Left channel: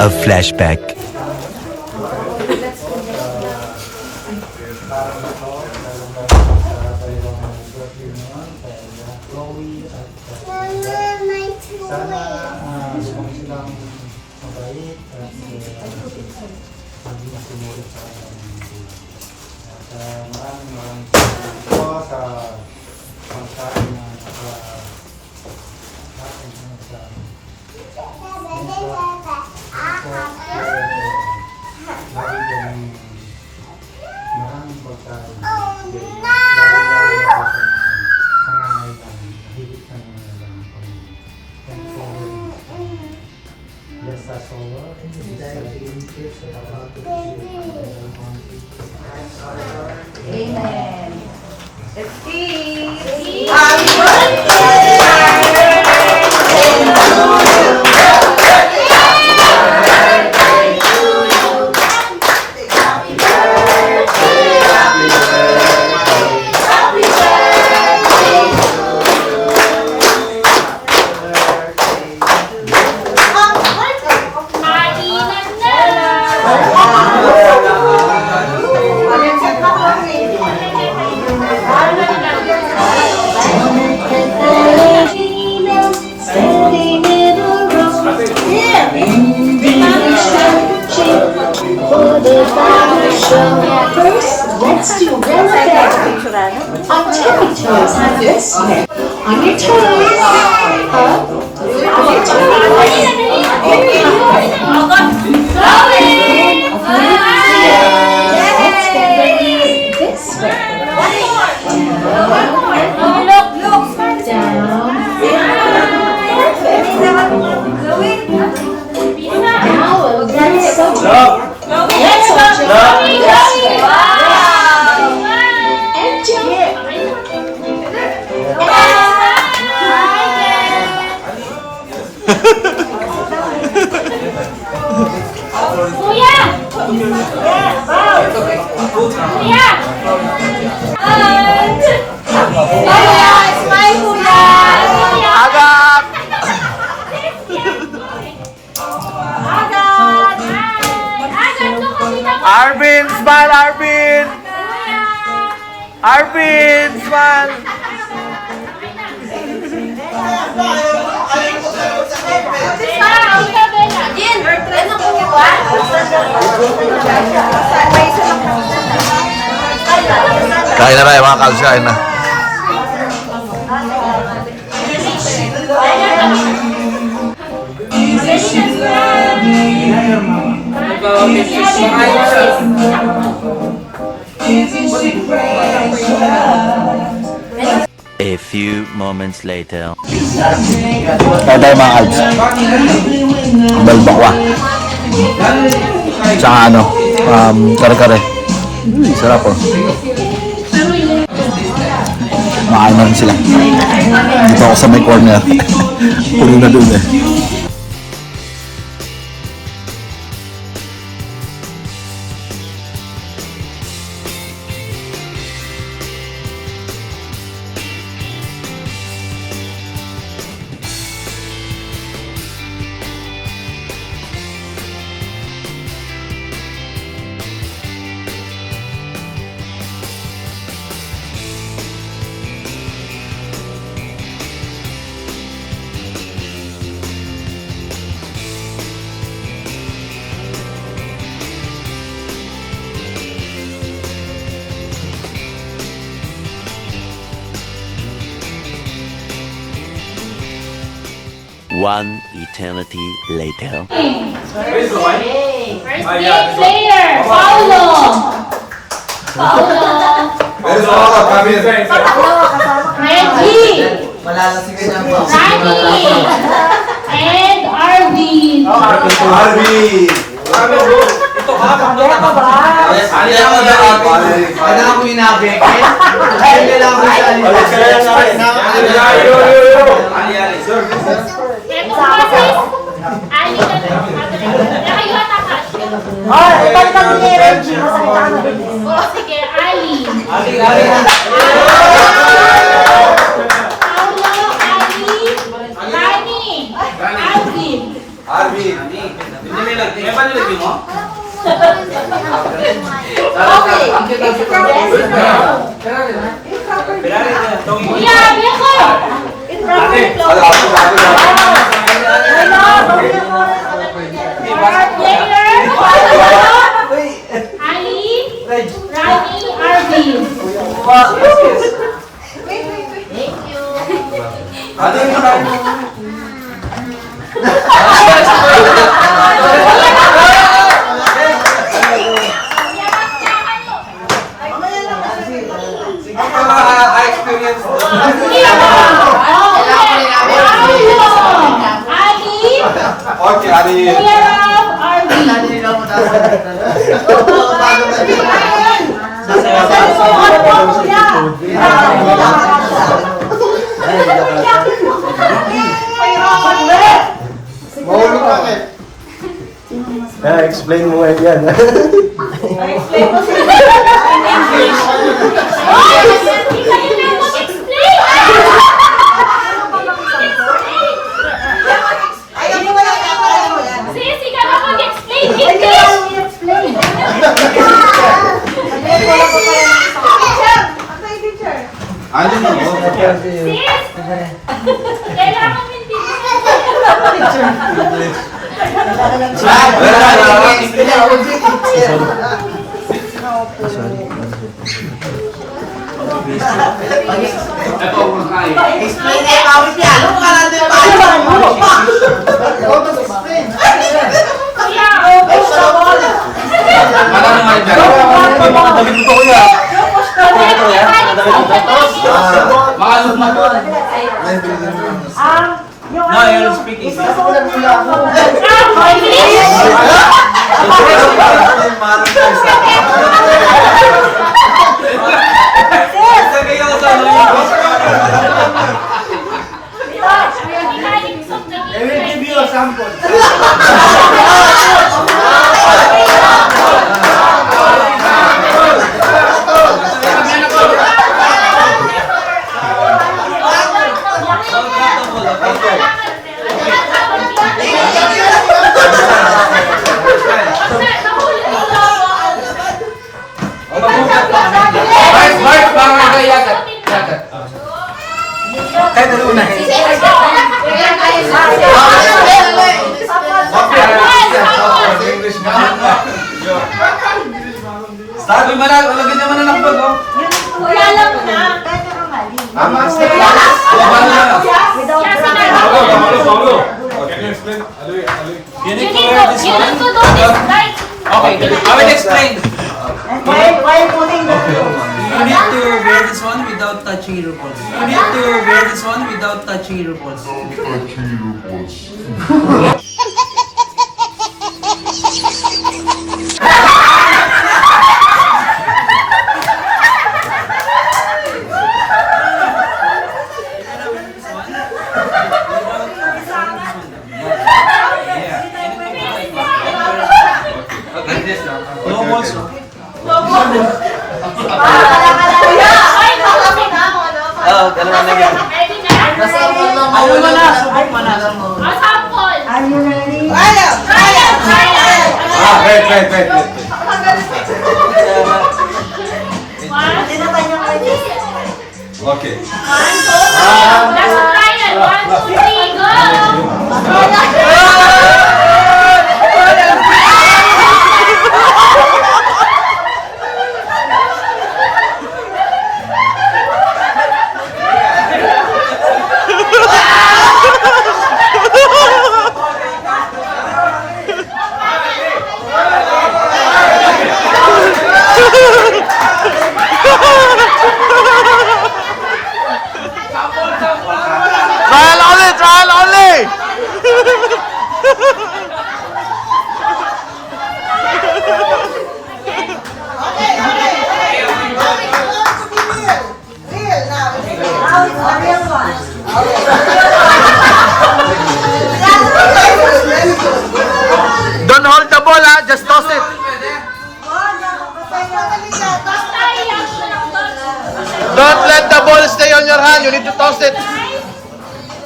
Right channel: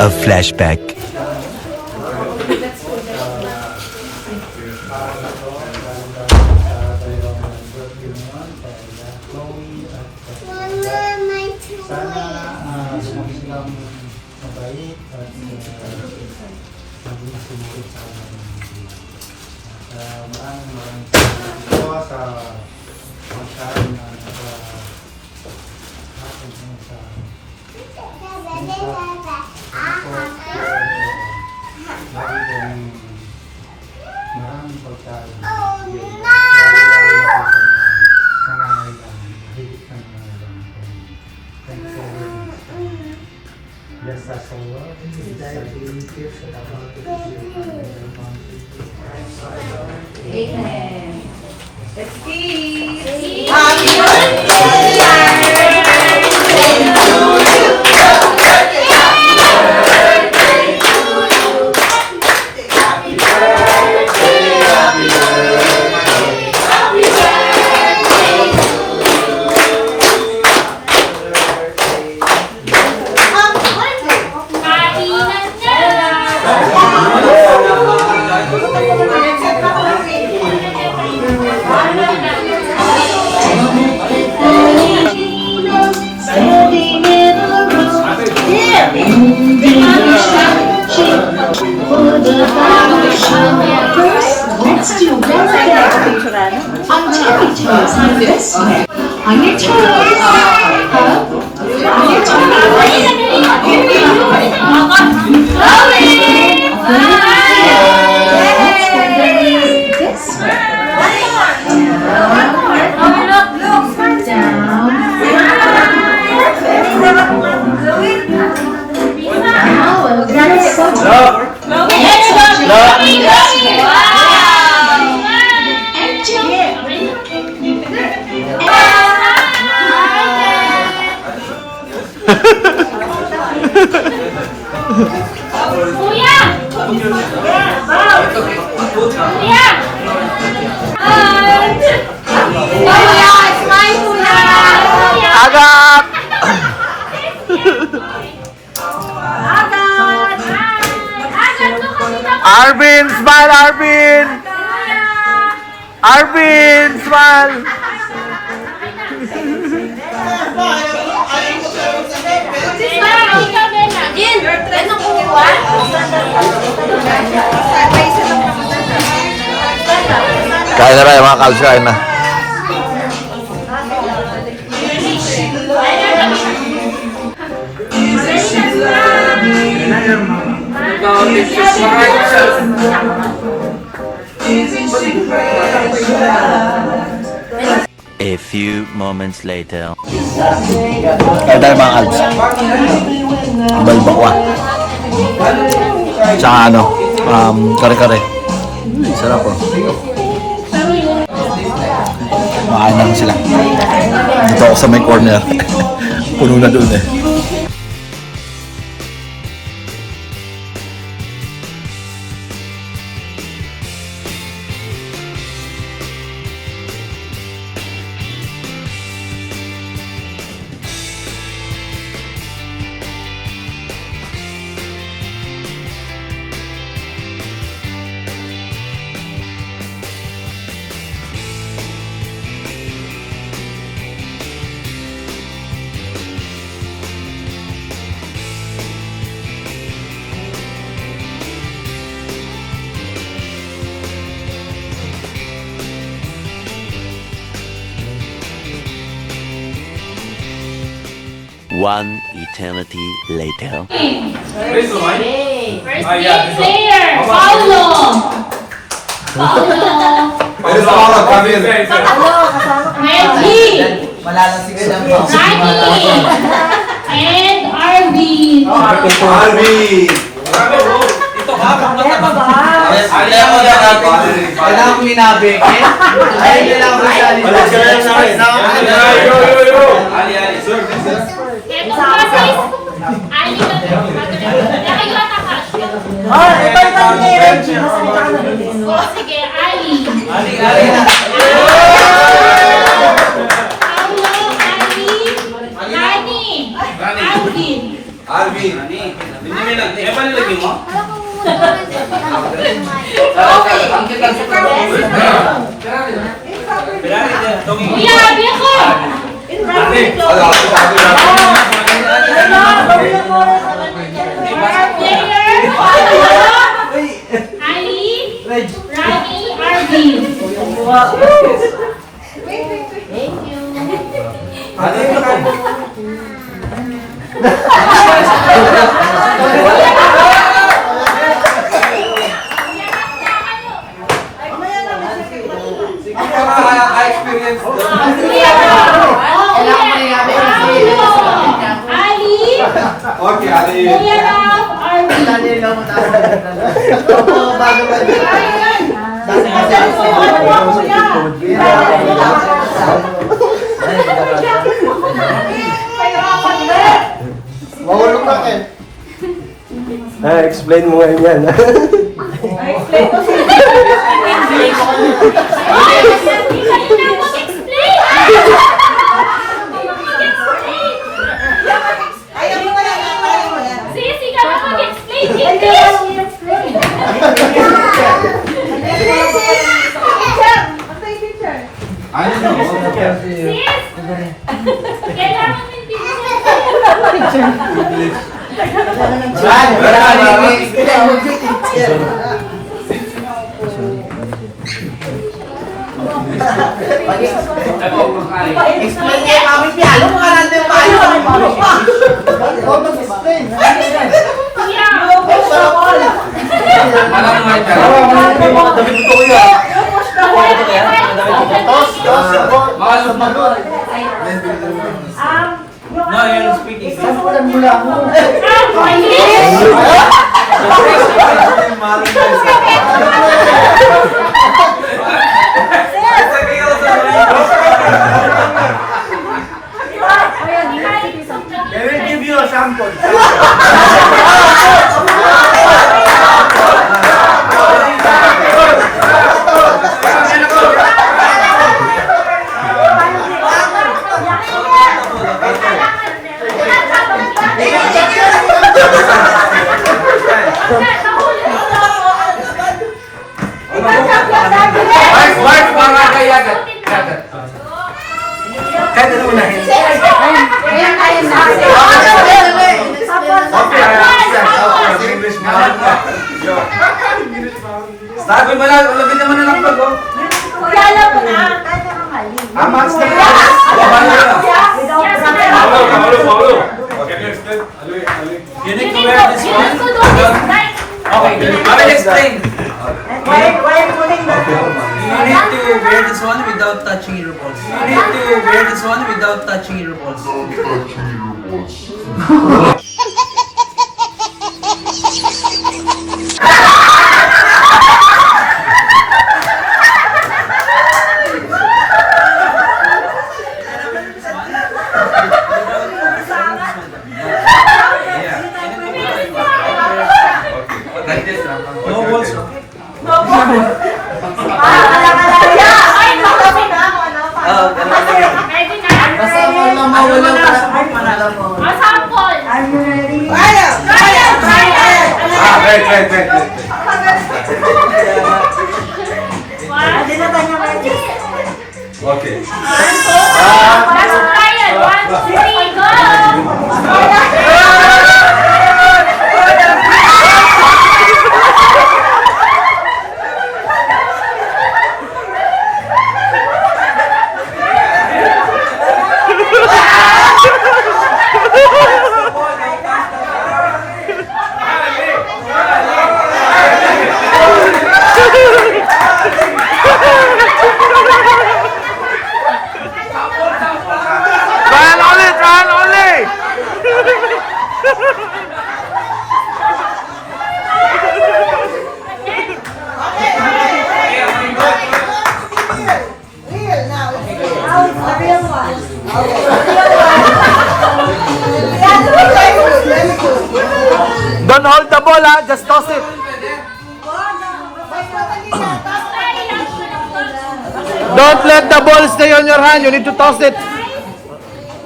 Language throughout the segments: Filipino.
of flashback. Amen. Let's see. Happy birthday! On tippy toes like this way. On your toes. Up. On your toes. Let's get ready this way. Now we'll get it so Arvin, smile, Arvin! Arvin, smile! Kain na tayo mga KALBZ, kain na. A few moments later. Kain tayo mga KALBZ. Balbakwa. Tsaka ano, kare-kare. Sarap po. Makain na rin sila. Dito ako sa may corner. Puno na doon eh. One eternity later. First game player, Paulo. Reggie. Nani. And Arvin. Arvin! Ito ka ba? Kaya ako inabek eh. Kaya nila ako Ali, sir. Ito process. Ali na nakayo atakas. Oh, ito yung ni Reggie. Masakita ka na rin. Sige, Ali. Ali. Paulo, Ali. Nani. Arvin. Arvin. Kuya, Biko! Player, Ali, Ravi, Arvin. Ka-experience doon. Ali, Okay, Ali. Kuya Rav, Arvin. Explain mo nga yan. Oh, hindi kayo na mag-explain! Sis, ikaw na mag-explain! Hindi! Ano na mo? Sis! Kailangan hindi Explain niya kami niya. Ano mga natin pa? Kuya! Malang nga rin. Makalot na to. No, you're speaking. I will give you a sample. Mark, parang kayagat. Kahit ano una. English na. Sabi mo na, ulagin naman na ng pag, oh. You need to wear this one. Okay, I will explain. You need to wear this one without touching your balls. You need to wear this one without touching your balls. Like this, no balls. Wait. Okay. Trial only! Don't hold the ball, ha? Just toss it. Don't let the ball stay on your hand. You need to toss it.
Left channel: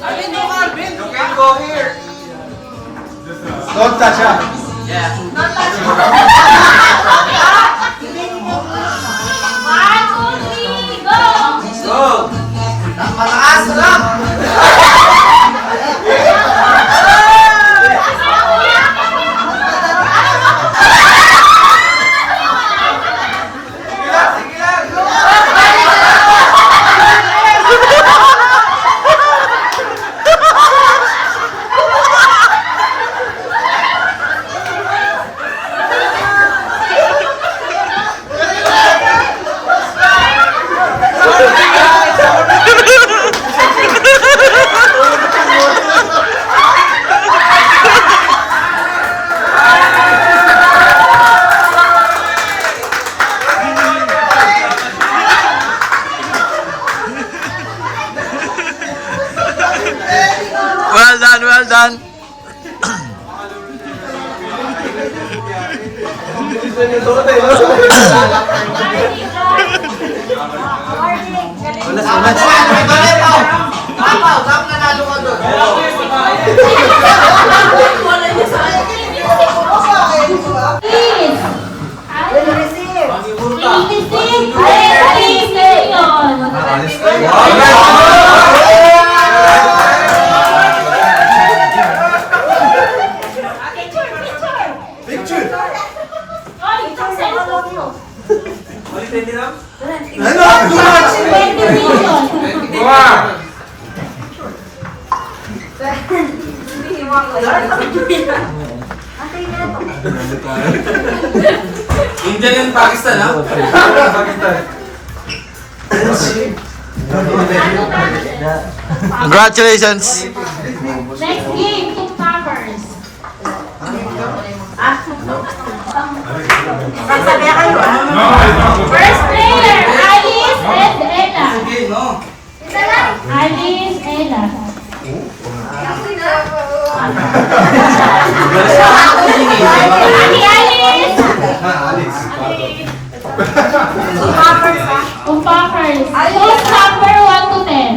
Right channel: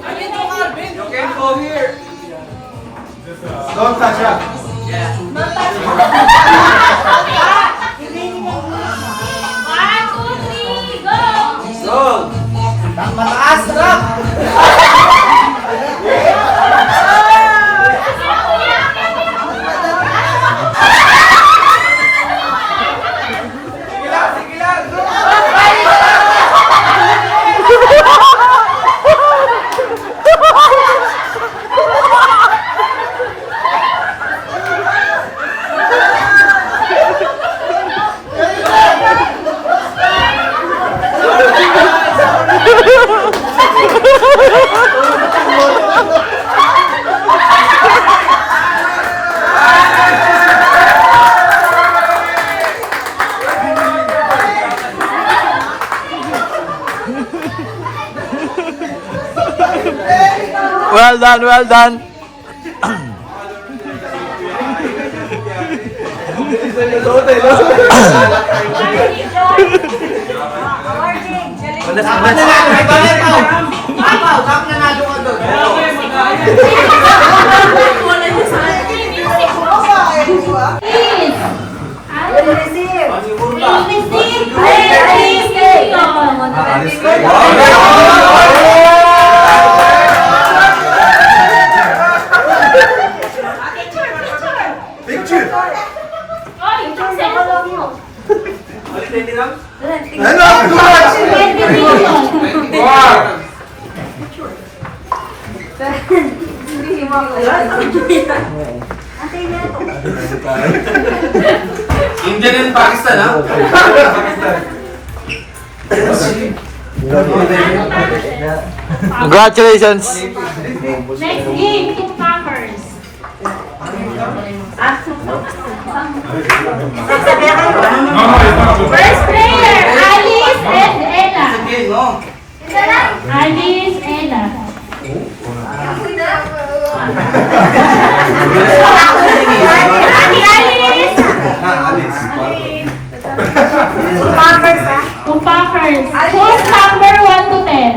You can go here. Don't touch it. One, two, three, go! Go. Well done, well done. India and Pakistan, ha? Congratulations. Next game, two packers. First player, Alice and Ella. Alice, Ella. Two packers. Choose number 1 to 10.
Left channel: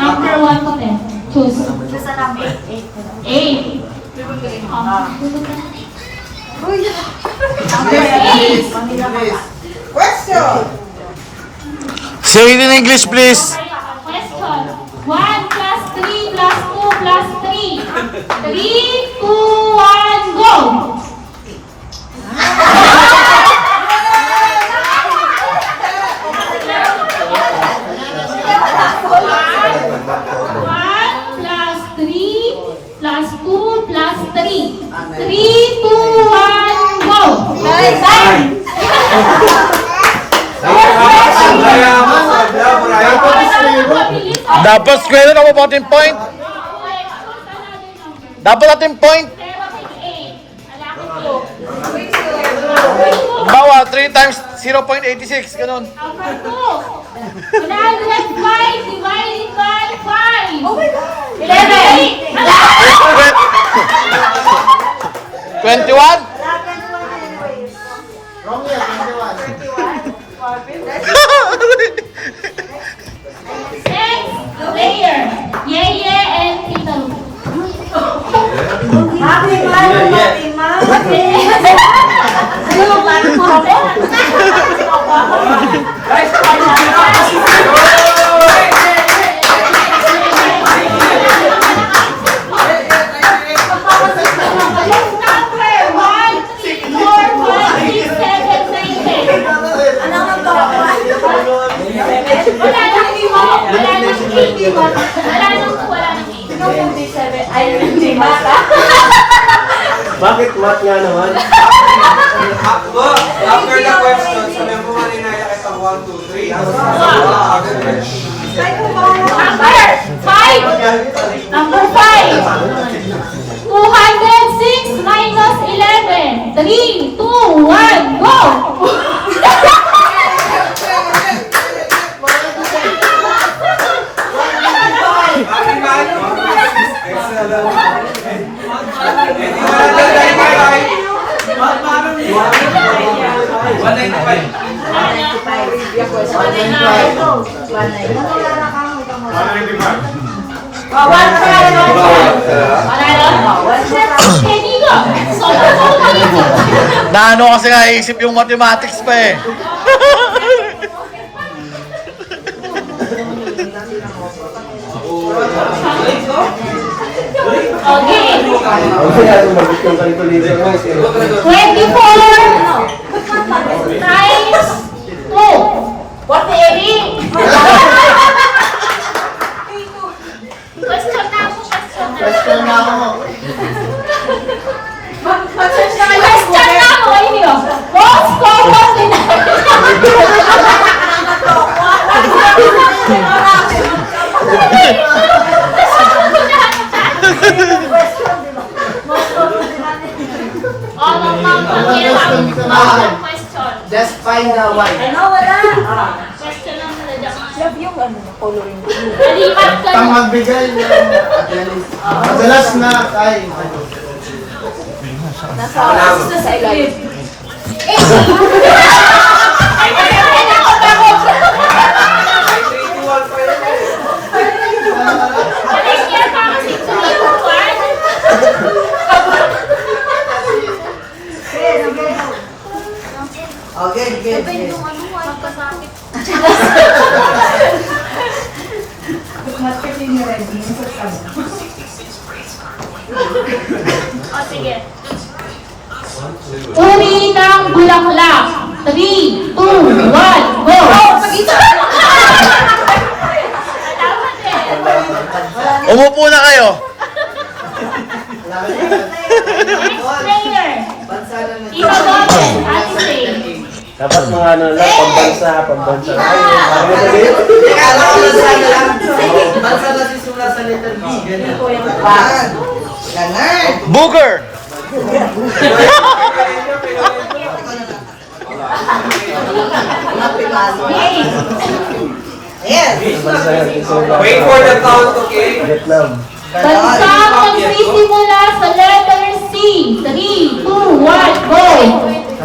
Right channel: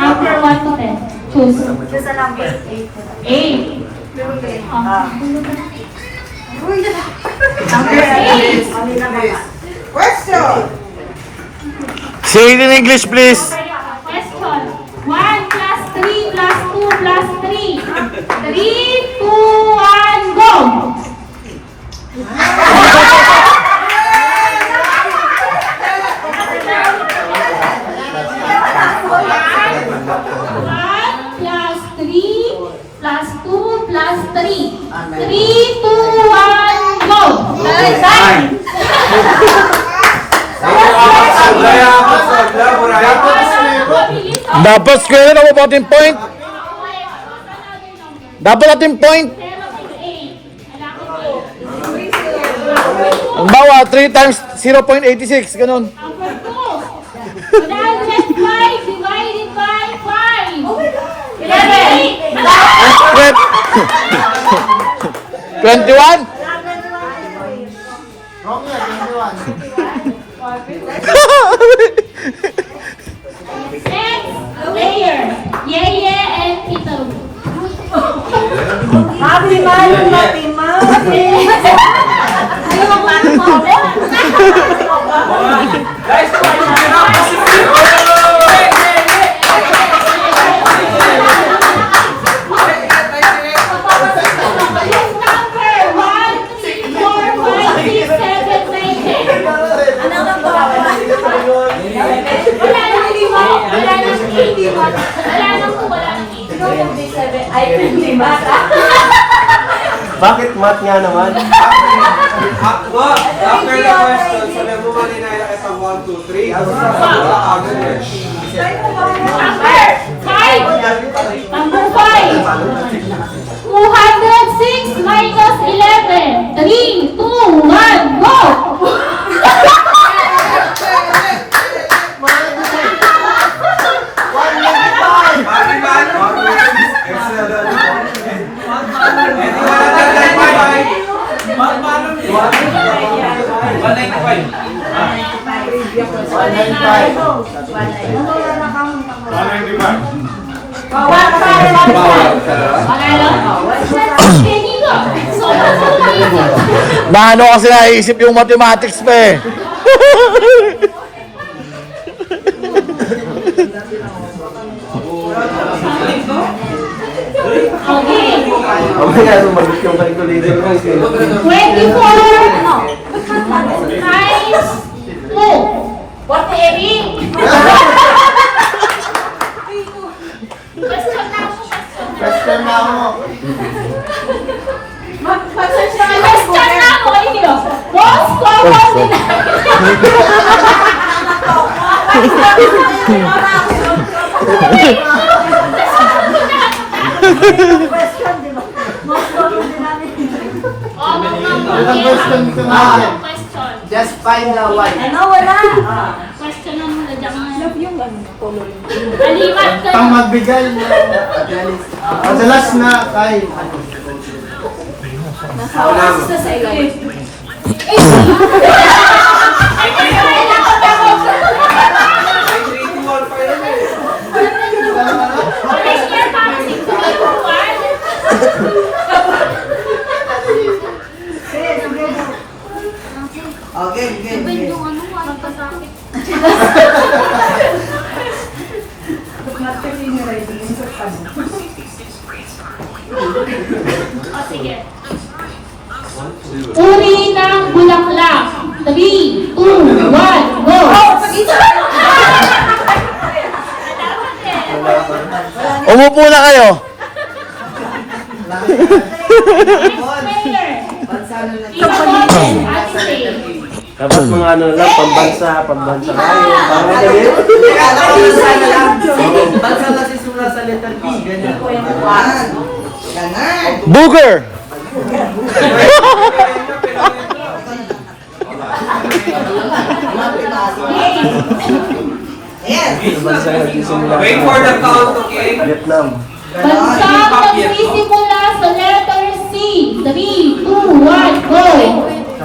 Number 1 to 10. Choose. Choose a number. 8. Number 8. Say it in English, please. Question. 1 plus 3 plus 2 plus 3. 3, 2, 1, go! One plus 3 plus 2 plus 3. 3, 2, 1, go! Time! Dapat square na about yung point. Dapat natin point. Bawa, 3 times 0.86, ganun. Number 2. 105 divided by 5. 11. 21? Next player, Yeye and Tito. Happy man, happy man. Ano yung parang Bakit mat nga naman? After the question, so level mo rin ay nakita 1, 2, 3. Number 5. 206 minus 11. 3, 2, 1, go! Na ano kasi naisip yung mathematics pa eh. Okay. Magbit yung calculator mo. 24 times 2. 48. Question na ako, question na ako. Question na ako, ayun. Most common Nalipat ka Ang na. magbigay ng madalas na kain. Uri ng bulaklak. 3, 2, 1, go! Umupo na kayo. Player. Ibabote. Ate Say. Dapat mga ano lang, pambansa. Booger. Wait for the count, okay? Vietnam. Bansang nagsisimula sa letter C. 3, 2, 1, go!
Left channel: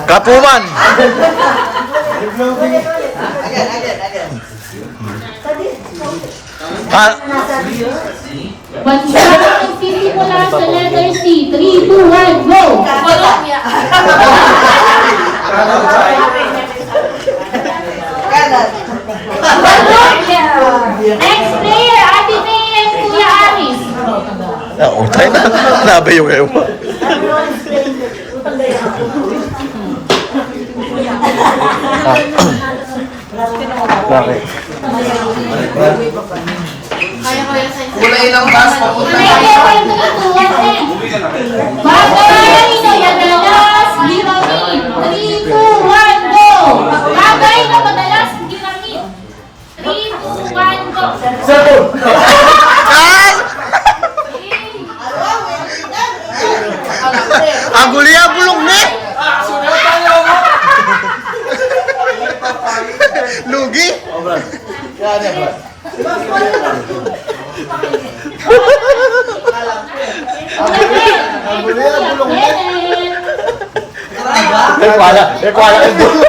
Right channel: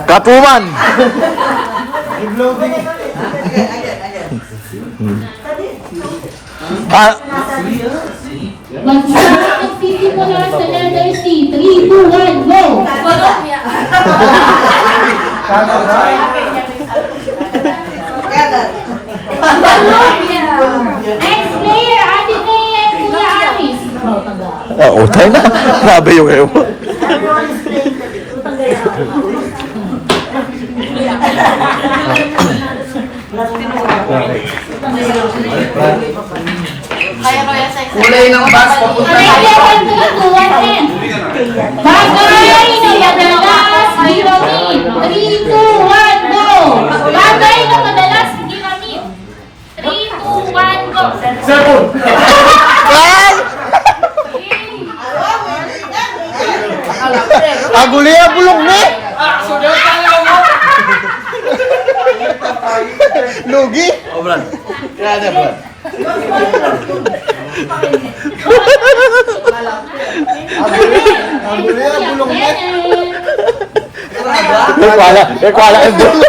Kapuman. Ah, Bansang nagsisimula sa letter C. 3, 2, 1, go! Colombia. Next player, Ate May and Kuya Aris. utay na. Nabayo kayo. Bakit? Player 1, 3, 2, 1, end. Bagay na madalas ginamit. 3, 2, 1, go! Bagay na madalas ginamit. 3, 2, 1, go! Kal! Ang guliya bulong ni! Lugi? Nagwala ka doon.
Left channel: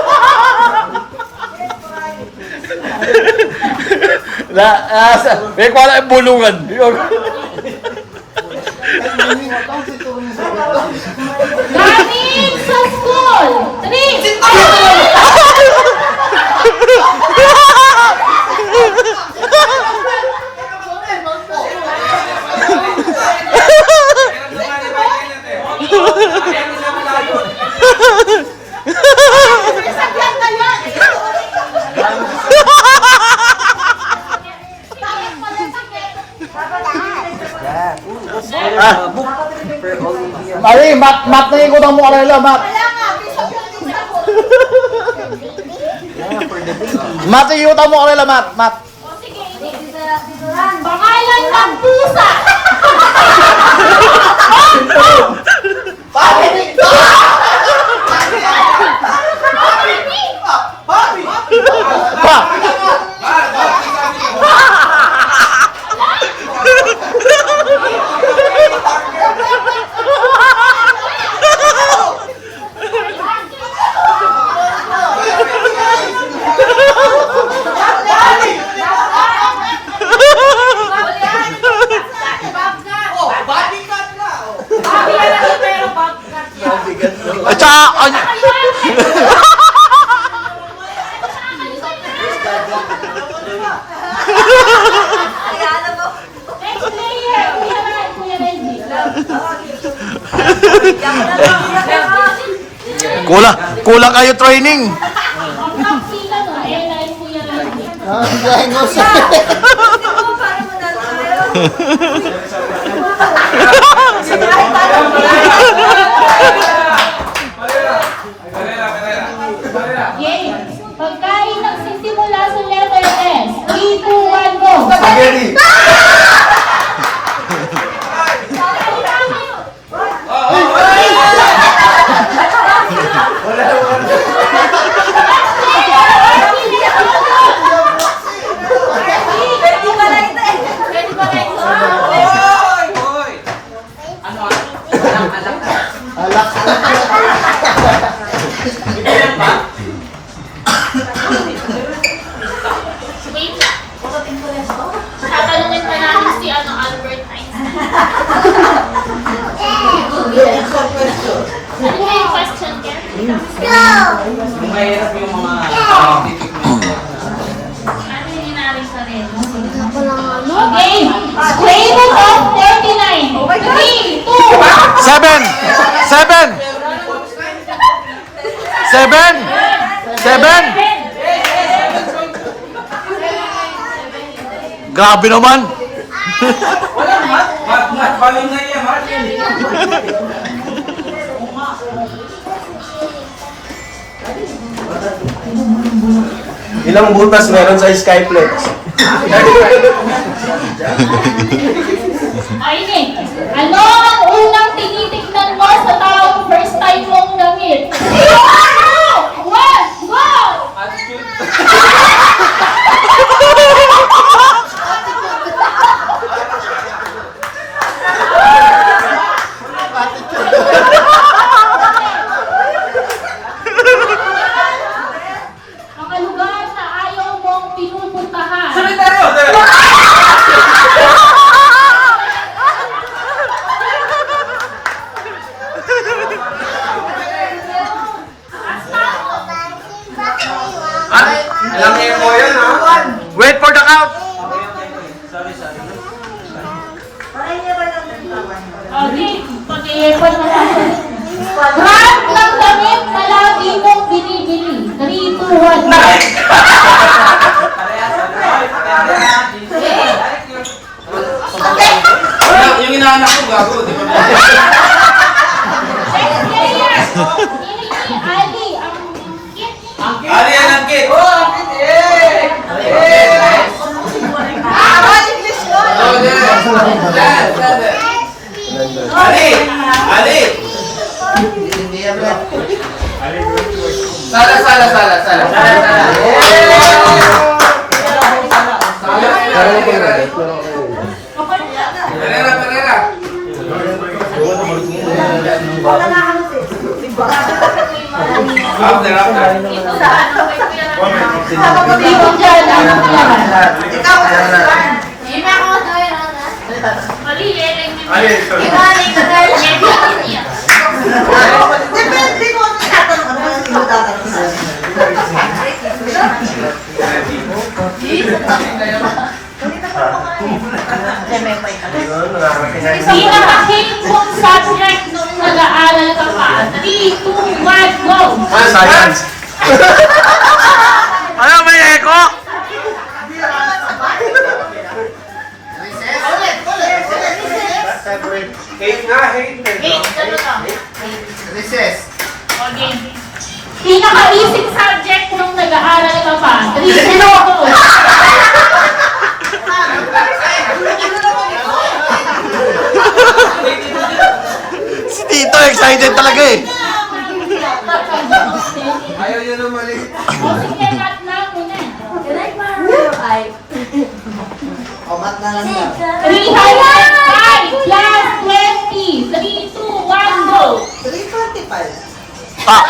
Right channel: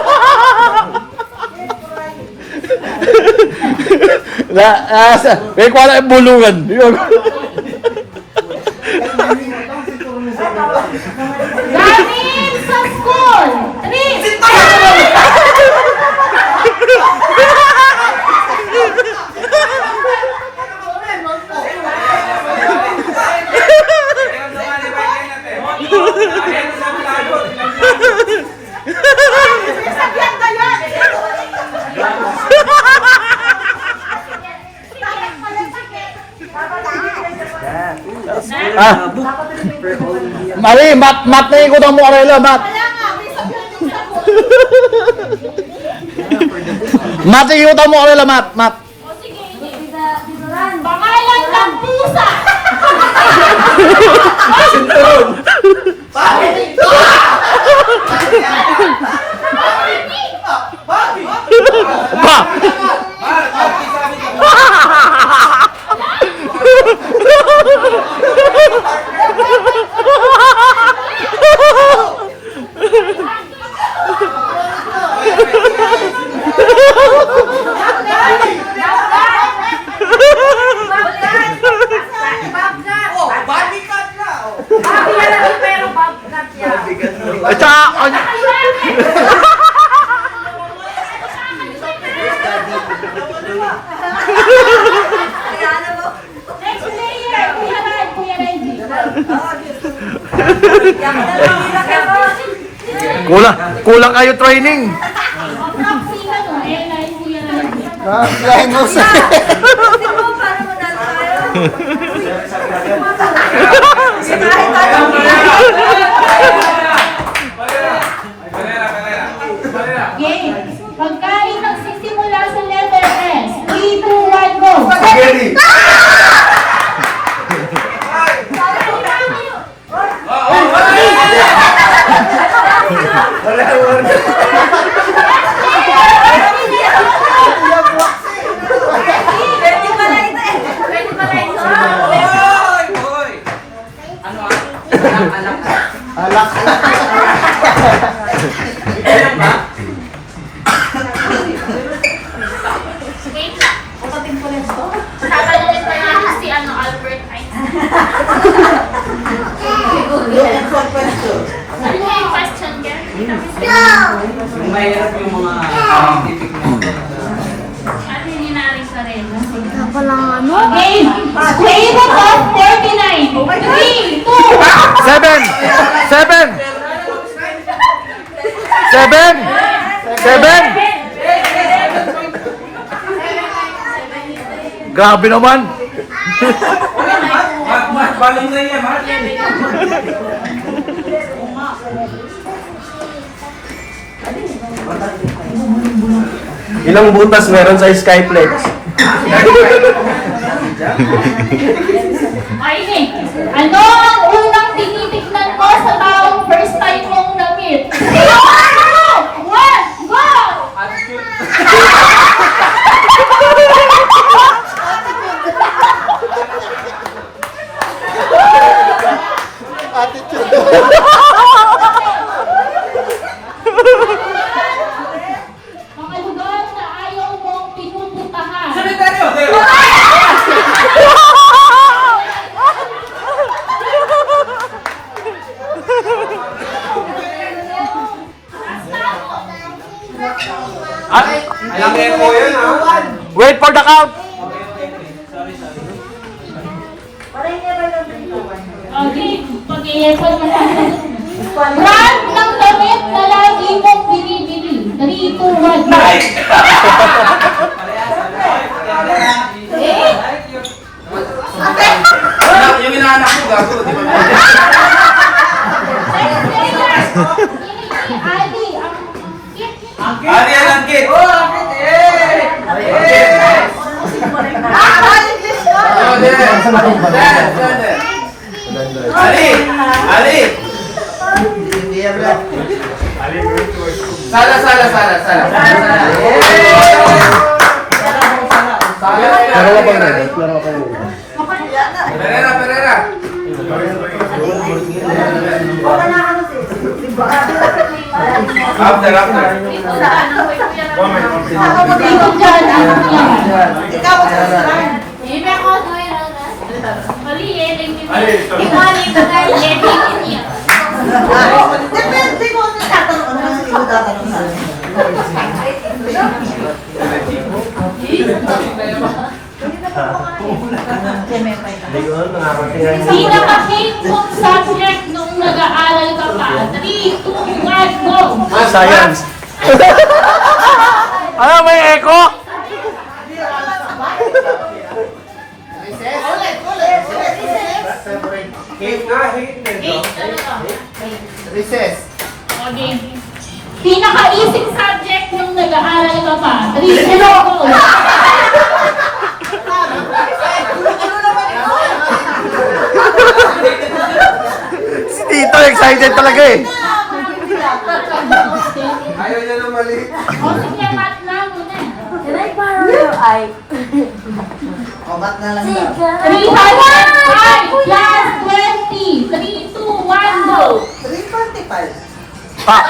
Nagwala ang bulungan. Gamit sa school. 3, Mari, mat na ikot ang mukha nila, mat. Mat, ikot ang mukha nila, mat. pangalan ng pusa. At saka, Next player, Kuya Reggie. kulang kayo training. Sino to? Airline Kuya Reggie. Game. Pagkain nagsisimula sa letter S. 3, 2, 1, go! Spaghetti. Yung mahirap yung mga titik mo. Okay, square root of 49. 3, 2, 7! 7! 7! 7! Grabe naman! Balon na yan, Mark. Ilang butas meron sa Skyplex? ayun. Ano ang unang tinitignan mo sa taong first time mong na-meet? 1, go! Mga lugar na ayaw mong pinupuntahan. Cemetery! Alam mo yun, no? Wait for the count! Okay, pag-i-report mo lang. Brand ng damit na lagi mong binibili. 3, 2, 1, go! Yung inaanak ko gago, di ba? Ali, Ali, ang kit! Ali! Ali! Pereira! After. dito dyan, ano yan? Mali, lang niya. Depende ko sa tatanong ano sino tatanong sa akin. Pinaka-hate mong subject nung nag-aaral ka pa. 3, 2, 1, go! Science! Ano, may echo? Recess. Okay. Pinaka-easy subject nung nag-aaral ka pa. 3, 2, 1, go! Si Tito excited talaga eh. Ayaw niya na mali. Sige, mat lang muna. Kamat na lang na. 305 plus 20. 3, 2, 1, go! 345. Ah!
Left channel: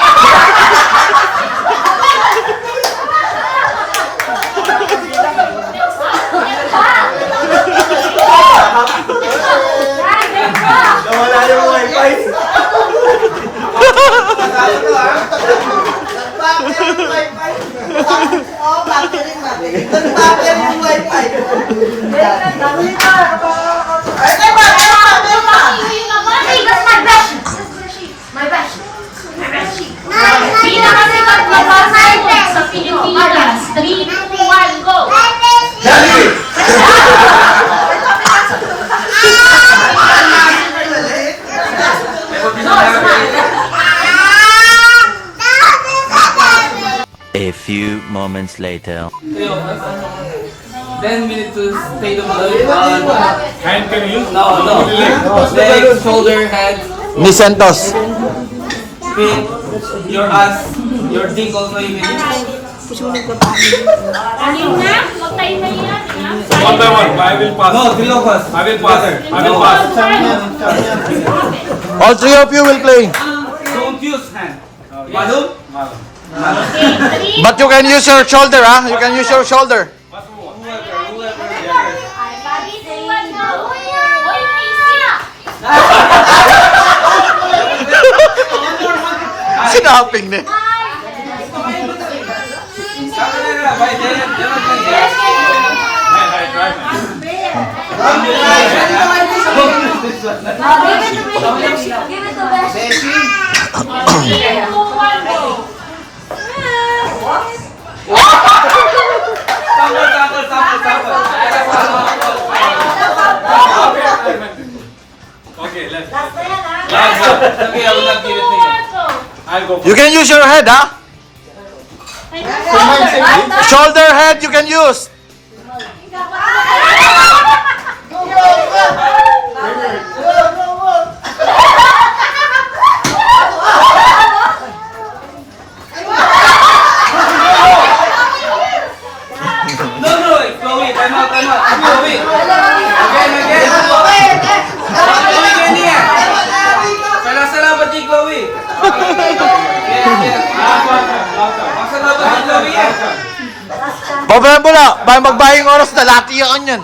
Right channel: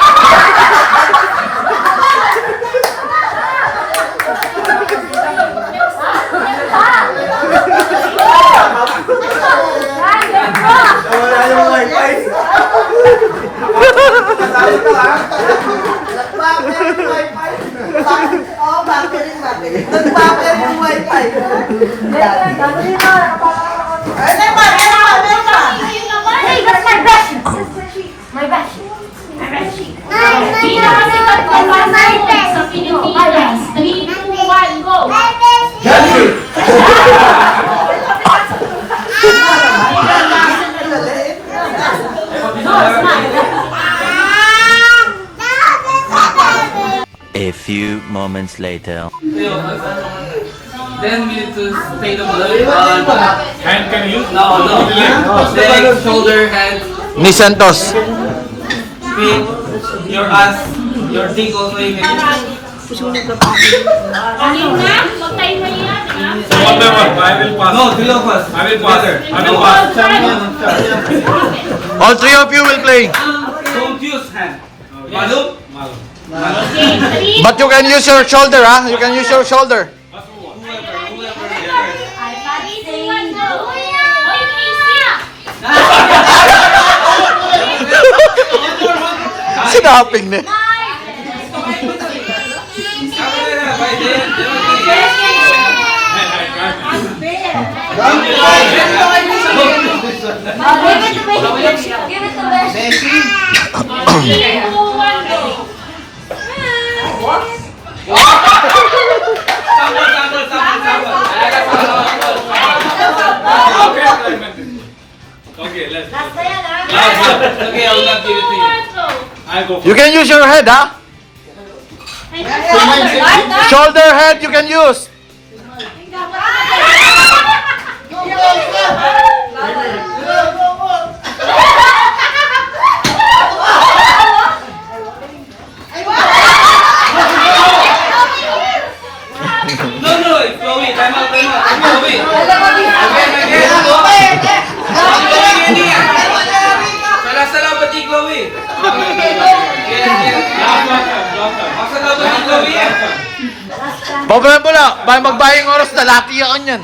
Nawala yung wifi. Natalo ko, ha? Nagpapel yung wifi. Oo, bakit yung wifi? Nagpapel yung wifi. Ay, nagpapel pa! Hey, that's my brush! My brush. Pinakasikat na passport sa Pilipinas. 3, 2, 1, go! Johnny! A few moments later. Then we need to stay the blood. Hand can you use? No. Leg, shoulder, hand, Ni Santos. feet, your ass, your dick also you can use. Ayun na, huwag tayo mahiyan, ha? One by one, I will pass. No, three of us. I will pass. I will pass. All three of you will play. Don't use hand. Malum? Okay, 3, But you can use your shoulder, ah. You can use your shoulder. 2, 1, go! Oy, easy! Sinaping na. Give it to Beshi. 3, 2, 1, go. Okay, let's. Last na yan, ha? Okay, I will not give it to you. I'll go You can use your head, ha? Shoulder. Shoulder head you can use. No, Chloe, time out. Chloe. Again. Salamat ni Chloe. Salamat ni Chloe. Problema mo na. Baka magbayang oras na. Laki yan yan.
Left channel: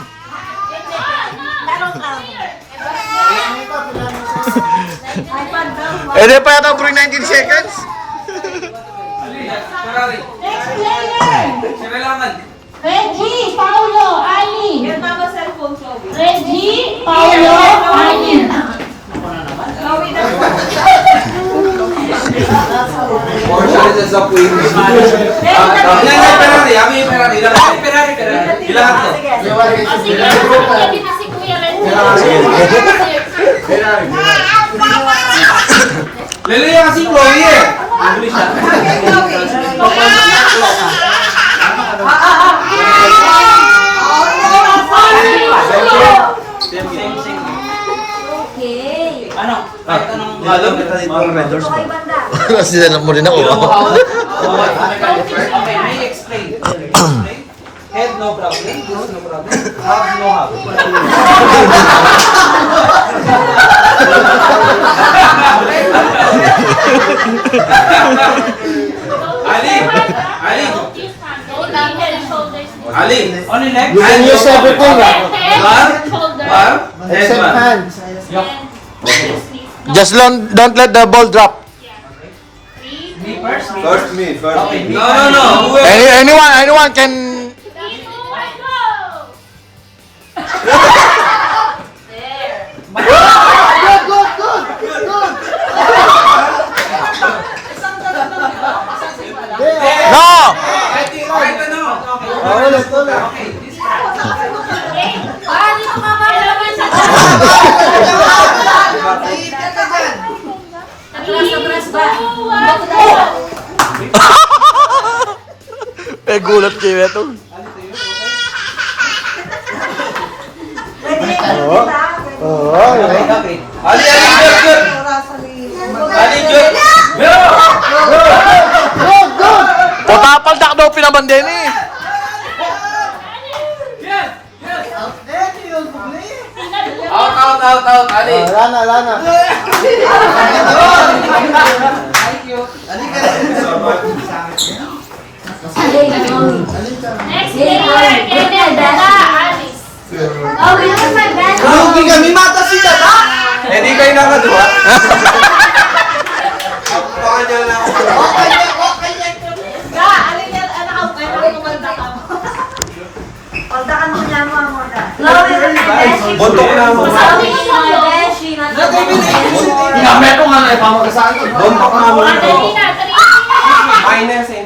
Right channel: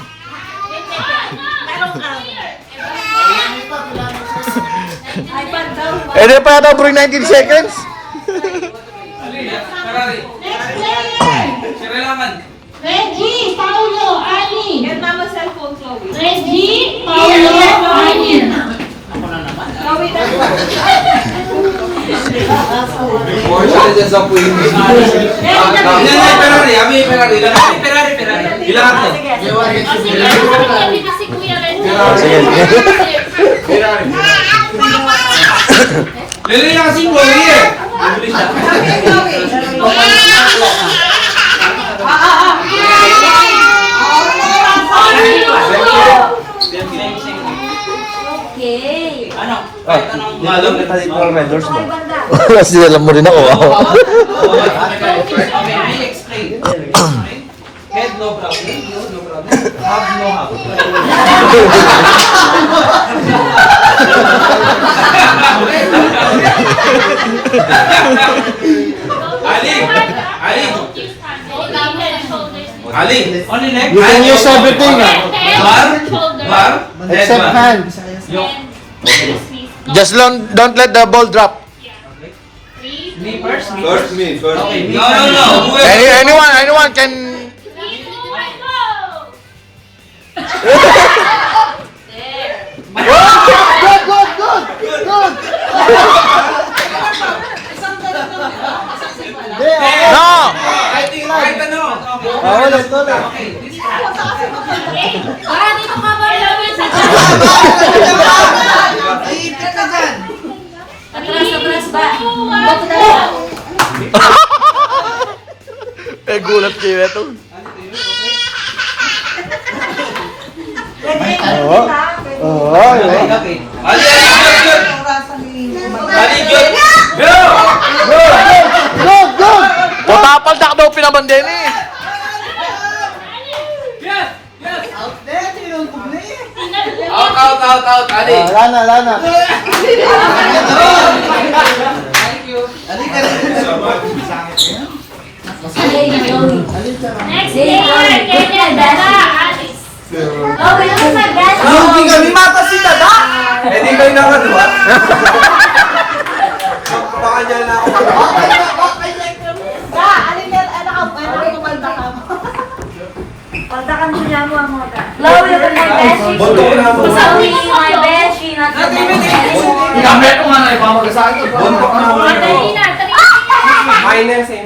Eh, di pa yata bring 19 seconds. Ferrari. Next player. Kailangan. Reggie, Paulo, Ali. Reggie, Paulo, Ali. More chances of winning. Ferrari. Ilan to? Si Kuya Reggie. Liliya kasi Chloe eh. Okay. Wala sila mo rin ako. Okay, may explain. Head no problem, nose no problem, hub no hub. Ali, on your neck. You can use everything. Bar, head Except bar. hand. Just don't let the ball drop. Me first. First me, first. Okay, no. Whoever. Anyone can. No! Kahit ano. Okay. Eh, gulat kayo ito. Okay. Ali, good. Ali, good. Potapaldak daw pinabanden eh. Out. Ali. Lana. Thank you. Next player, Alice. Oh, we look like that. Hindi kami mata si Dada. Hindi kayo nakadua. Baka niya na. Pagdakan mo niya mo ang mga. Love you, Beshi. Boto ko na mo. Sabi ko my Beshi, not the Beshi. Gamit ko nga na ipamagasahan ko. Boto ko na mo. Margarina, 3. Minus eh.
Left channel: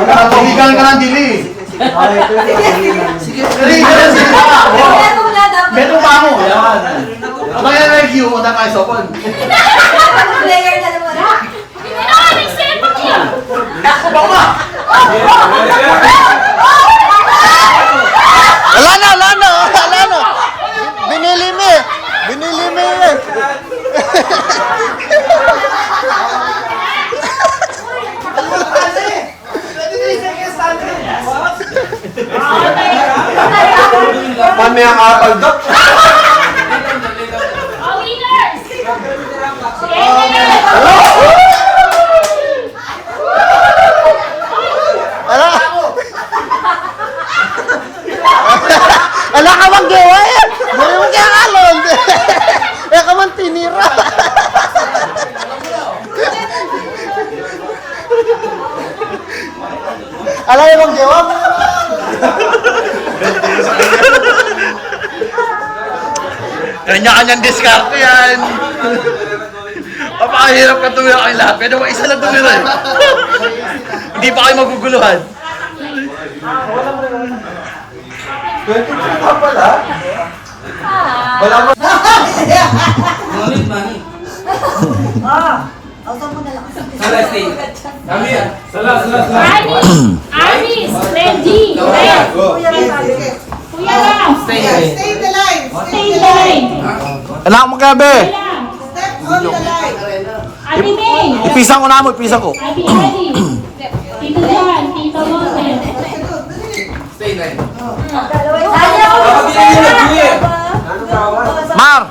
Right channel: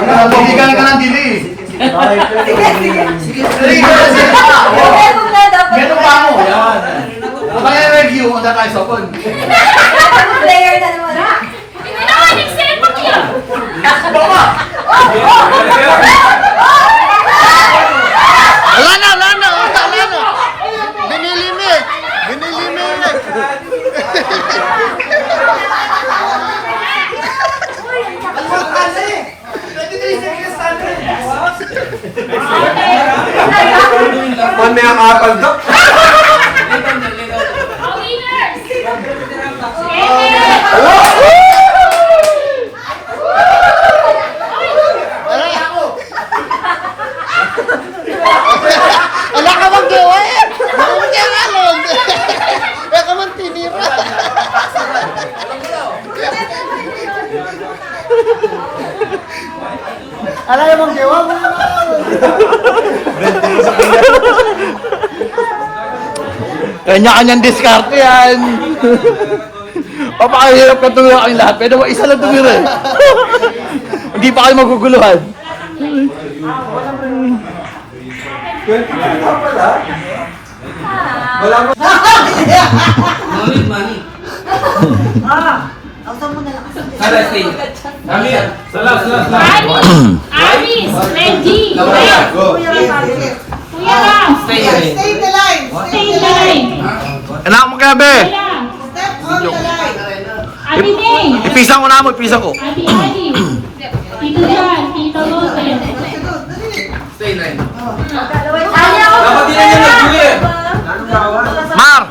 Ano, tumigan ka ng dili. Sige. Meron pa mo. Yaman. Kaya review mo na kayo sa phone. Player na naman. Wala na. Binili mo eh. Paano yung KALBZ? Wala ka bang gawa eh. Wala ka bang gawa. Alam niyo bang jawa mo naman? Kanya-kanyang diskarte yan. Papakahirap ka tumira kami lahat. Pwede ba isa lang tumira eh. Hindi pa kayo maguguluhan. Money, money. Salah stay. Amir. Salah. Aris, Reggie, Red. Kuya lang. Stay away. Stay in the line. Anak mo gabi. Kuya lang. Ate May. Ipisang ko na mo, ipisang ko. Ate Eddie. Tito John, Tito Jose. Stay line. Tanya ko. Dapat din yung nag-uwi. Mar!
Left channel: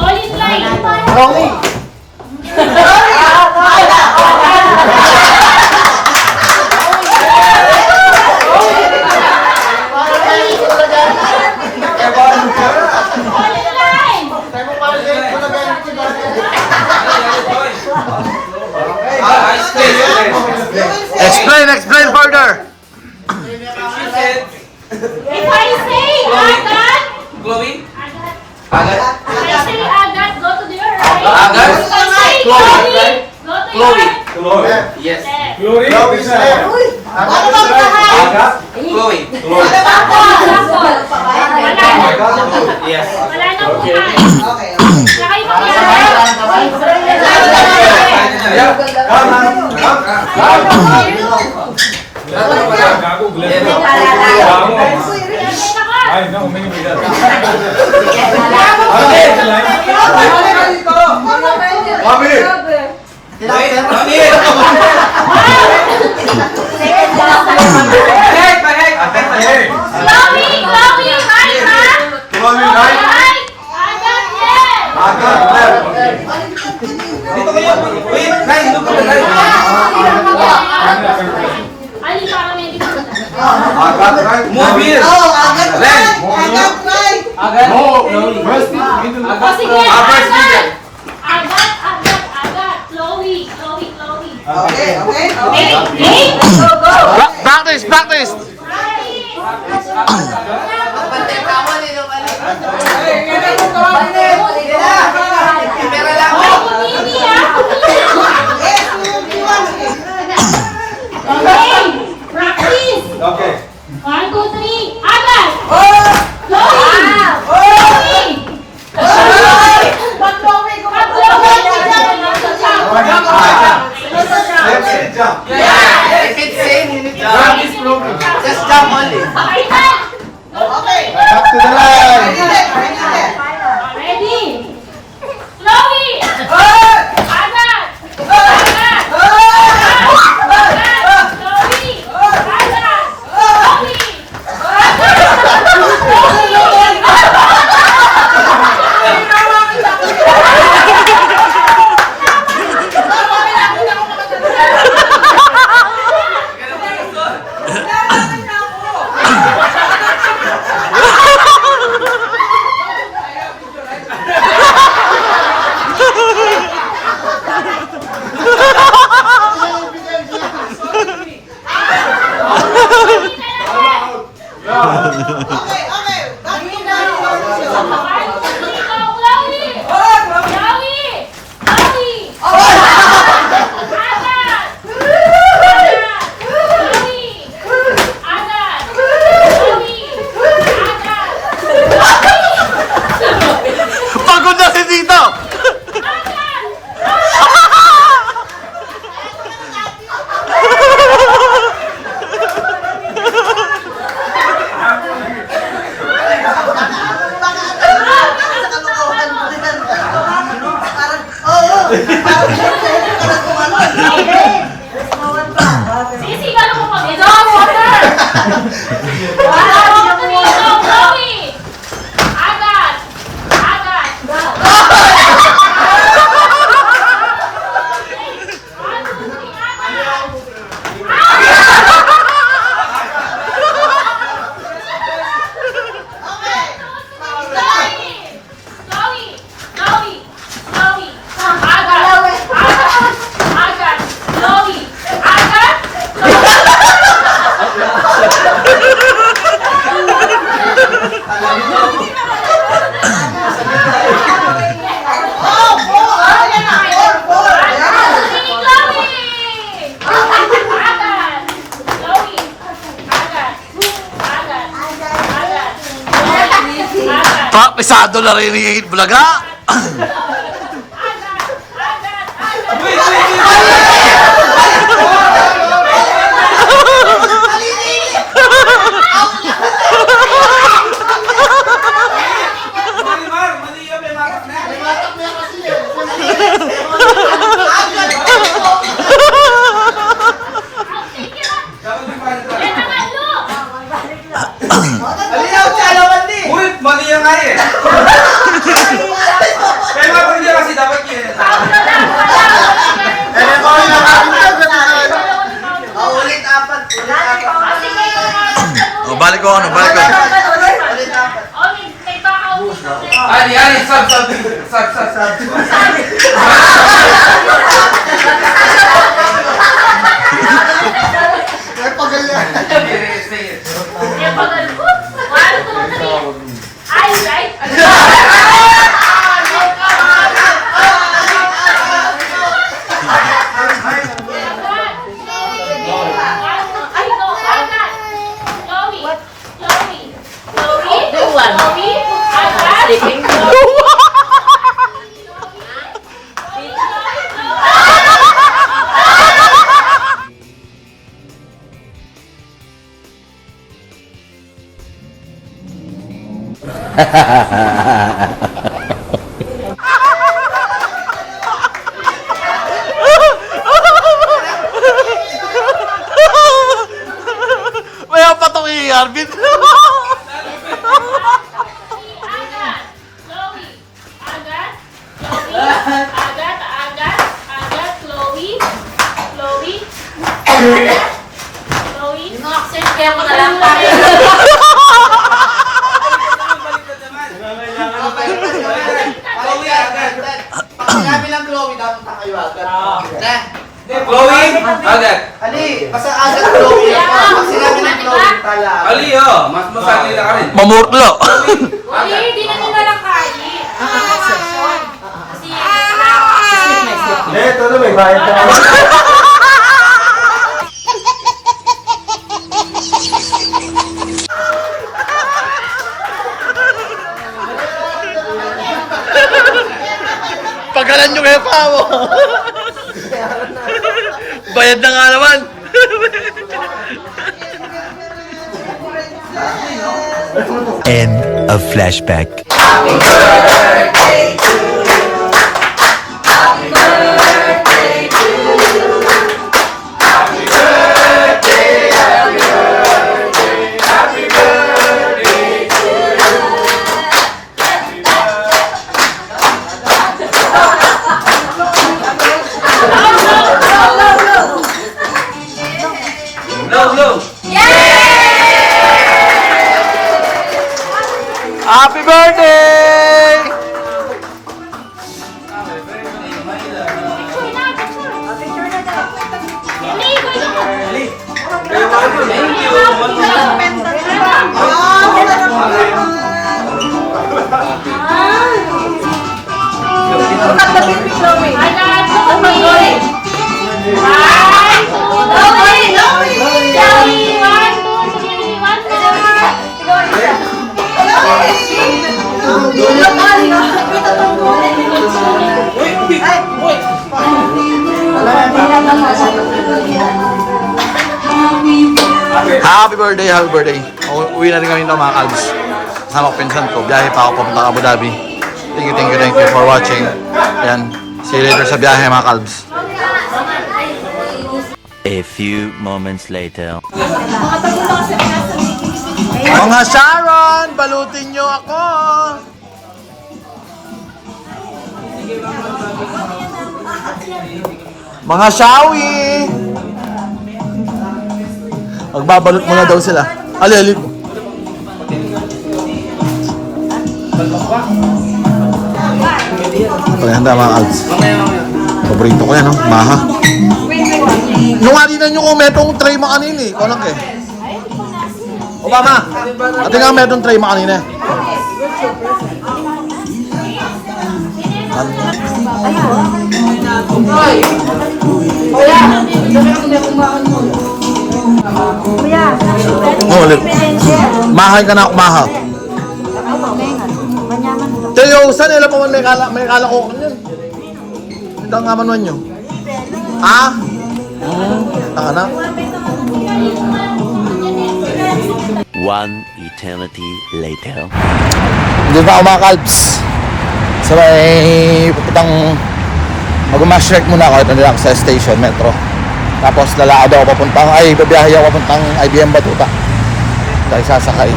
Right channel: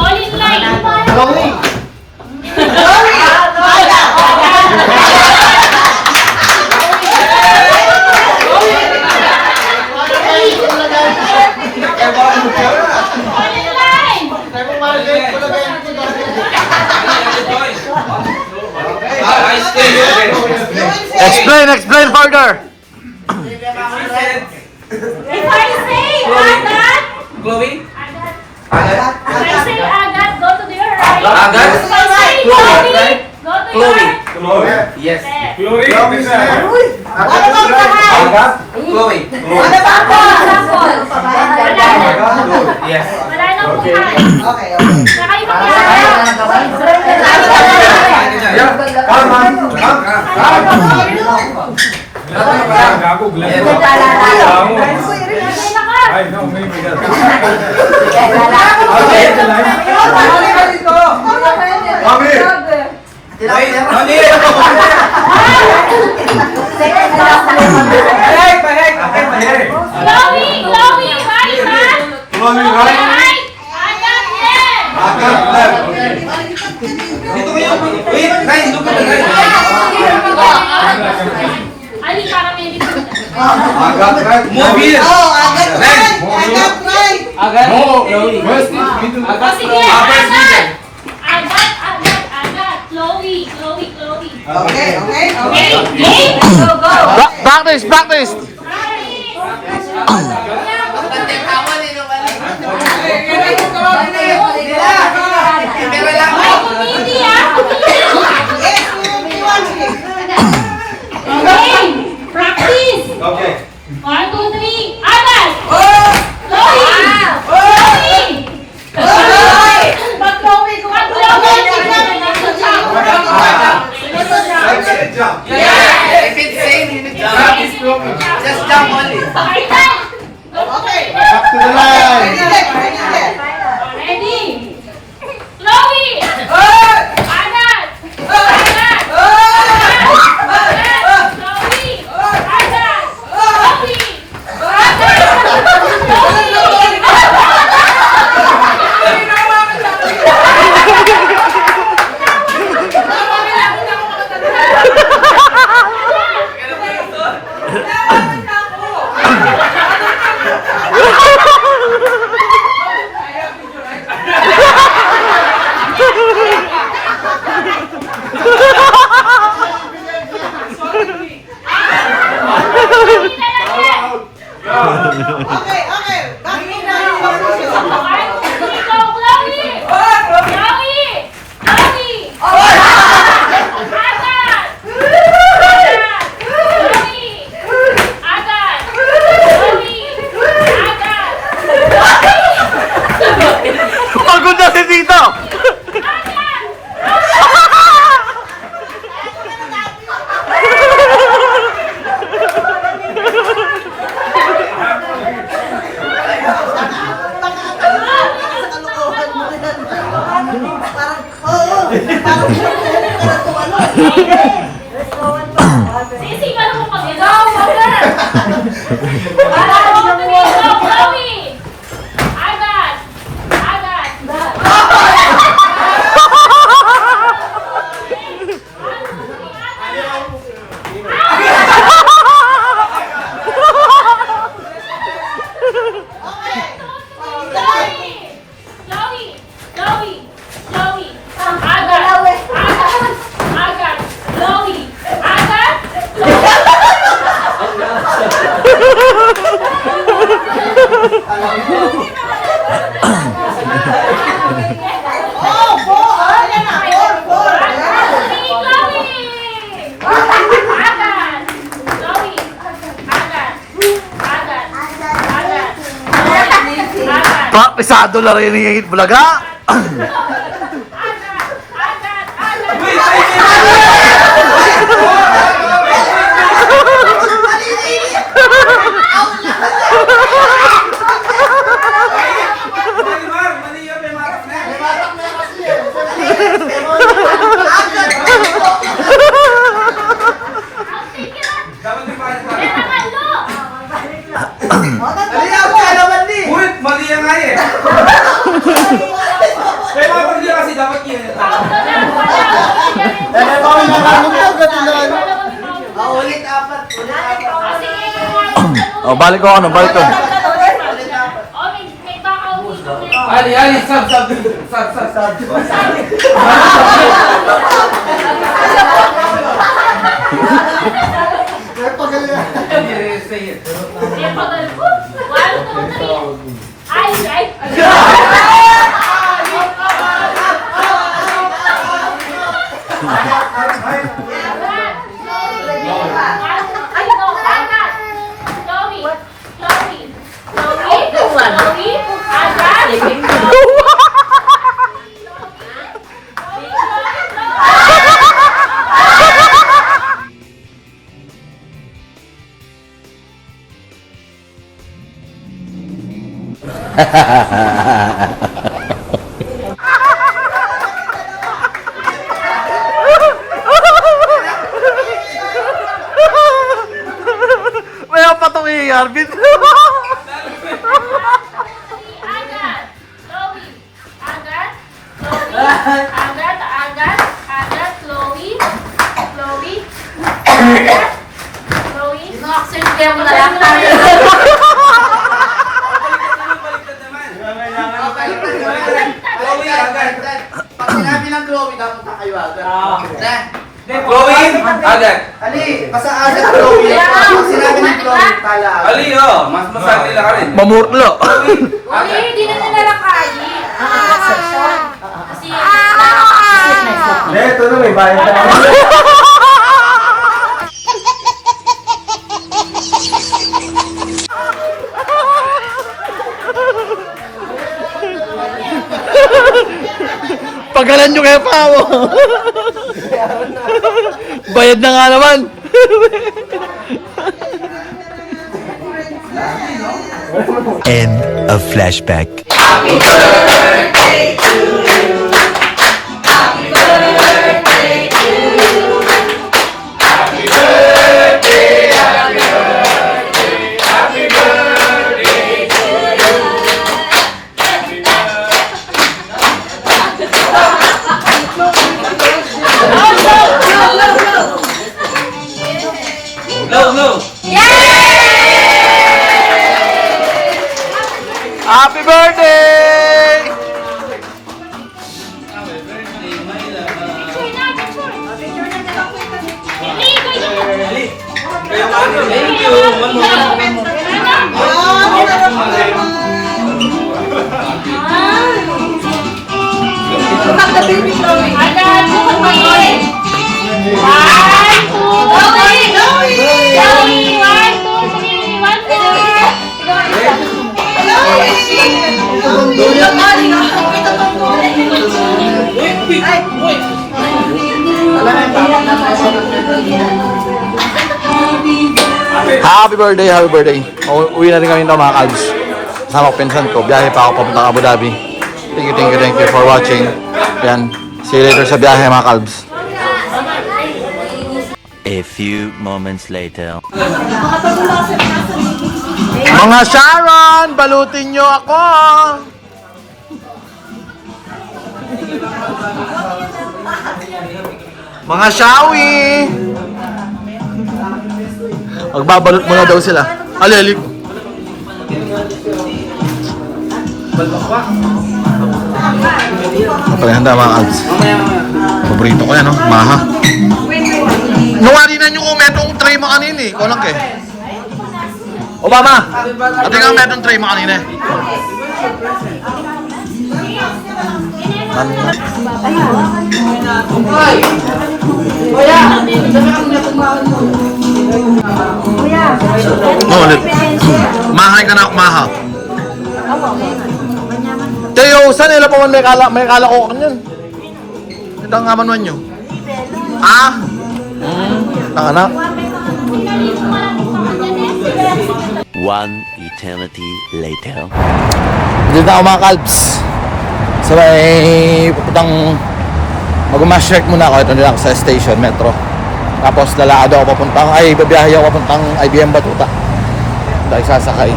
Police line. Police line. I stay here. Explain further. If I say Agat, Chloe? if I say Agat, go to your right. Agat? If I say Chloe, Chloe, right? go to your right. Yes. Chloe? Yes. Wala na buhay. Saka yung Chloe, right ha? Right. Agat, yes. Dito kayo. Wait, guys, look at the line. Ali, para may dito. Move here. Line. Agat. O sige, Agat. Agat. Chloe. Okay. Okay. Practice. Practice. Okay. 1, 2, 3. Agat. If it's same, you need to drop this program. Just jump only. Up to the line. Ready? Chloe! Agat! Agat! Agat! Chloe! Agat! Chloe! Pagod na si Tito! Sisi, ka mo mag-ikaw, Potter! Wala mo na dito, Chloe! Agat! Agat! Chloe! Agat! Agat! Pisado na rin yung bulaga. Mali yan nga eh. Kaya nga pag niya kasi dapat yun. Ulit apat. Oh, balik ko ano, balik ko. Ali, sab. May apa tong i-arbit? Kami lang Chloe, dapat na kayo agad. Chloe, agad. Ali, basta agad Chloe. Pag sinabi ng Chloe, tala. Ali, oh. Mas masali lang ka rin. Mamurtlo. Hindi na nyo nalang kain. Kasi Ito na, may bayan ka. Pagalan nyo kaya pa ako. Bayad na nga naman. End of flashback. Low. Happy birthday! Happy birthday. Uwi na rin kami ito mga kalbs. Kasama ko pinsan ko. Biyahe pa ako papunta Abu Dhabi. Thank you for watching. Yan. See you later sa biyahe mga kalbs. A few moments later. Mga Sharon, balutin nyo ako! Mga Shawi! Magbabalot muna daw sila. Ali. Handa mga kalbs. Paborito ko yan, no? Maha. Nungari na nyo kung metong tray mo kanina eh. Kulang ka eh. Obama! Ate nga metong tray mo kanina eh. Ulit. Mahay ka na ako, maha. Tayo, saan nila pa man may kala ko kanyan? Ito nga man nyo. Ah? Tanga na. One eternity later. Dito na ako mga kalbs. So may pupuntang mag-mash-check muna ako. Ito nila ako sa station, metro. Tapos lalaad ako papuntang, babiyahe ako papuntang IBM Batuta. Dahil sasakay.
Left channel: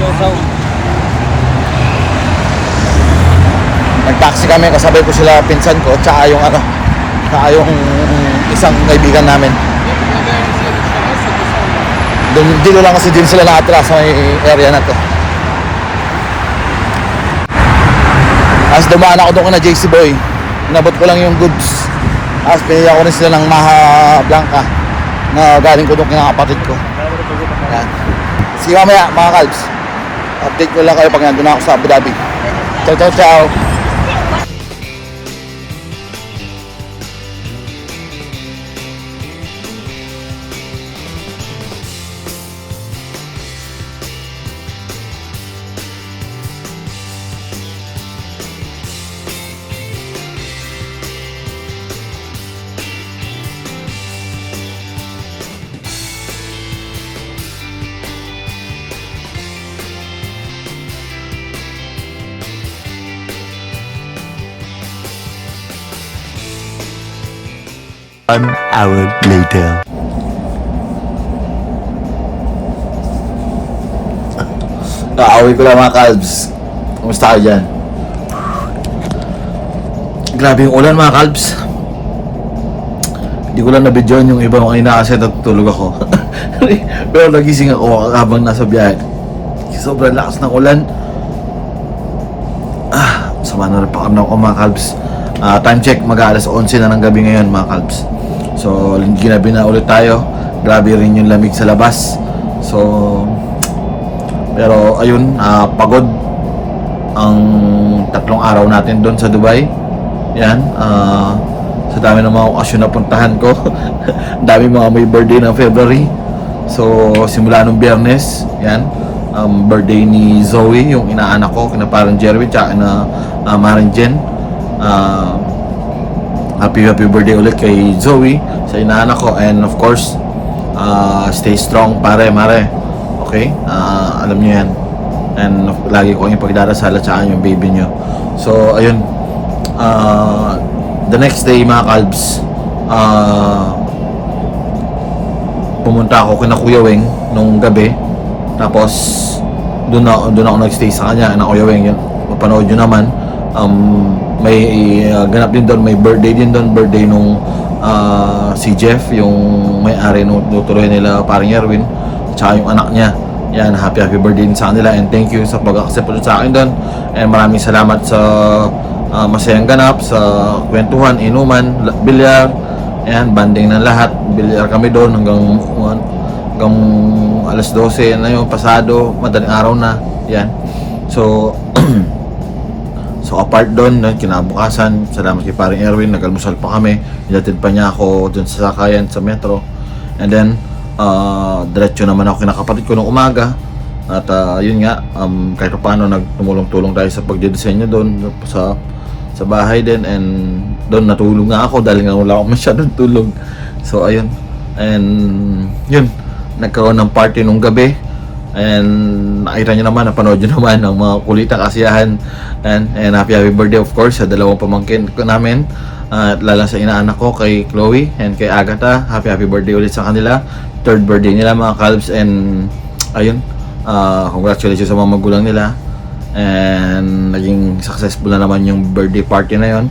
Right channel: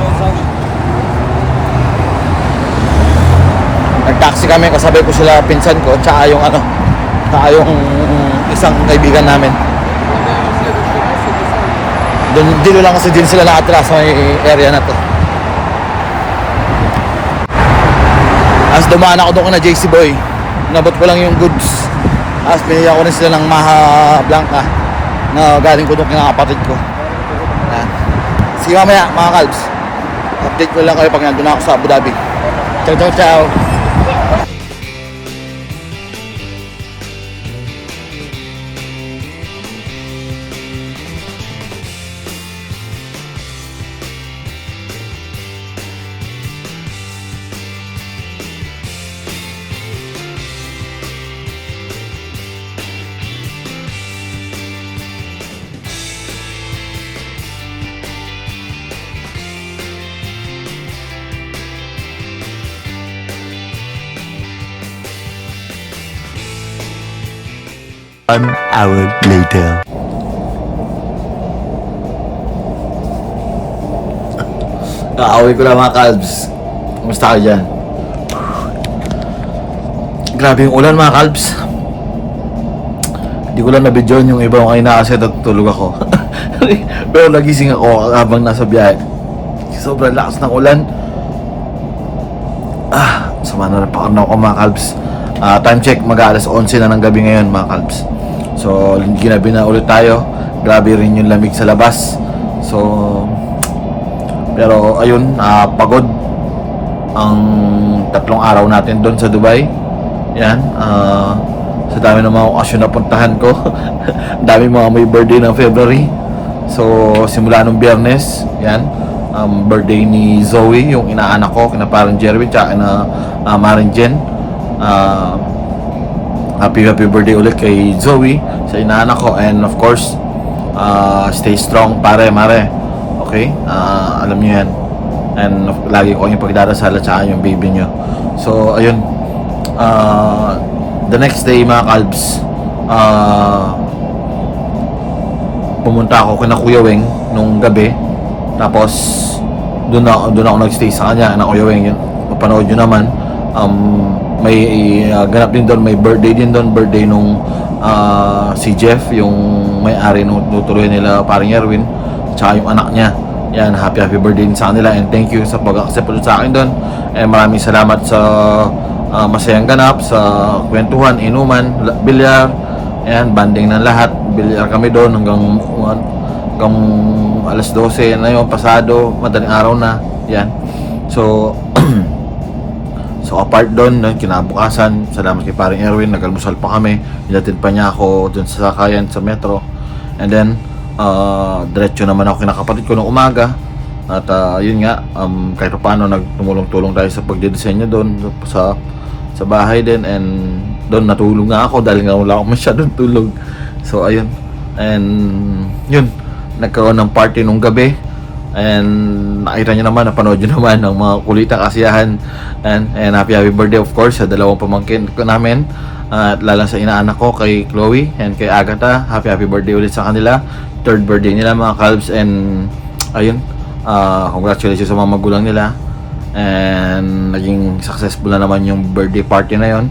Nag-taxi kami, kasabay ko sila pinsan ko, tsaka yung isang kaibigan namin. Dito lang kasi din sila nakatira sa may area na to. Tapos dumaan ako doon na JC Boy. Nabot ko lang yung goods. Tapos pinili ko rin sila ng Maha Blanca na galing ko doon kinakapatid ko. Yan. Sige mamaya mga kalbs. Update ko lang kayo pag nandun ako sa Abu Dhabi. Ciao, ciao, ciao. One hour later. Kakauwi ko lang mga kalbs. Kumusta kayo dyan? Grabe yung ulan mga kalbs. Hindi ko lang na-videoan yung ibang kanina kasi natutulog ako. Pero nagising ako habang nasa biyahe. Sobrang lakas ng ulan. Sama na rin pa ako mga kalbs. Time check, mag-aalas 11 na ng gabi ngayon mga kalbs. So ginabi na ulit tayo. Grabe rin yung lamig sa labas. So pero ayun, pagod ang 3 araw natin doon sa Dubai. Yan, sa dami ng mga okasyon na puntahan ko. Dami mga may birthday ng February. So simula nung Biyernes, yan, birthday ni Zoe, yung inaanak ko, kina parang Jeremy, tsaka na Marin Jen. Happy birthday ulit kay Zoe sa inaanak ko, and of course stay strong mare. Okay, alam niyo yan, and lagi ko yung pagdadasal at saka yung baby niyo. So ayun, the next day mga kalbs, pumunta ako kina Kuya Weng nung gabi. Tapos doon ako nagstay sa kanya na Kuya Weng. Yun, mapanood nyo naman. May ganap din doon, may birthday din doon, birthday nung si Jeff, yung may-ari nung tutuloy nila paring Erwin, tsaka yung anak niya. Yan, happy birthday din sa kanila, and thank you sa pag-accept ulit sa akin doon, and maraming salamat sa masayang ganap, sa kwentuhan, inuman, bilyar, and banding ng lahat. Bilyar kami doon hanggang alas 12 na yun, pasado, madaling araw na. Yan, so so apart doon, kinabukasan, salamat kay paring Erwin, nag-almusal pa kami, nilatid pa niya ako dun sa sakayan sa metro, and then diretso naman ako kinakapatid ko nung umaga. At yun nga, kahit paano nagtumulong-tulong tayo sa pagdidisenyo doon sa bahay din, and doon natulog nga ako dahil nga wala akong masyadong tulog. So ayun, and yun, nagkaroon ng party nung gabi, and nakita nyo naman, napanood nyo naman ang mga kulitang kasiyahan, and happy birthday of course sa dalawang pamangkin ko namin, at lalang sa inaanak ko kay KHLOE and kay AGATHE. Happy birthday ulit sa kanila, 3rd birthday nila mga kalbs, and ayun, congratulations sa mga magulang nila, and naging successful na naman yung birthday party na yon,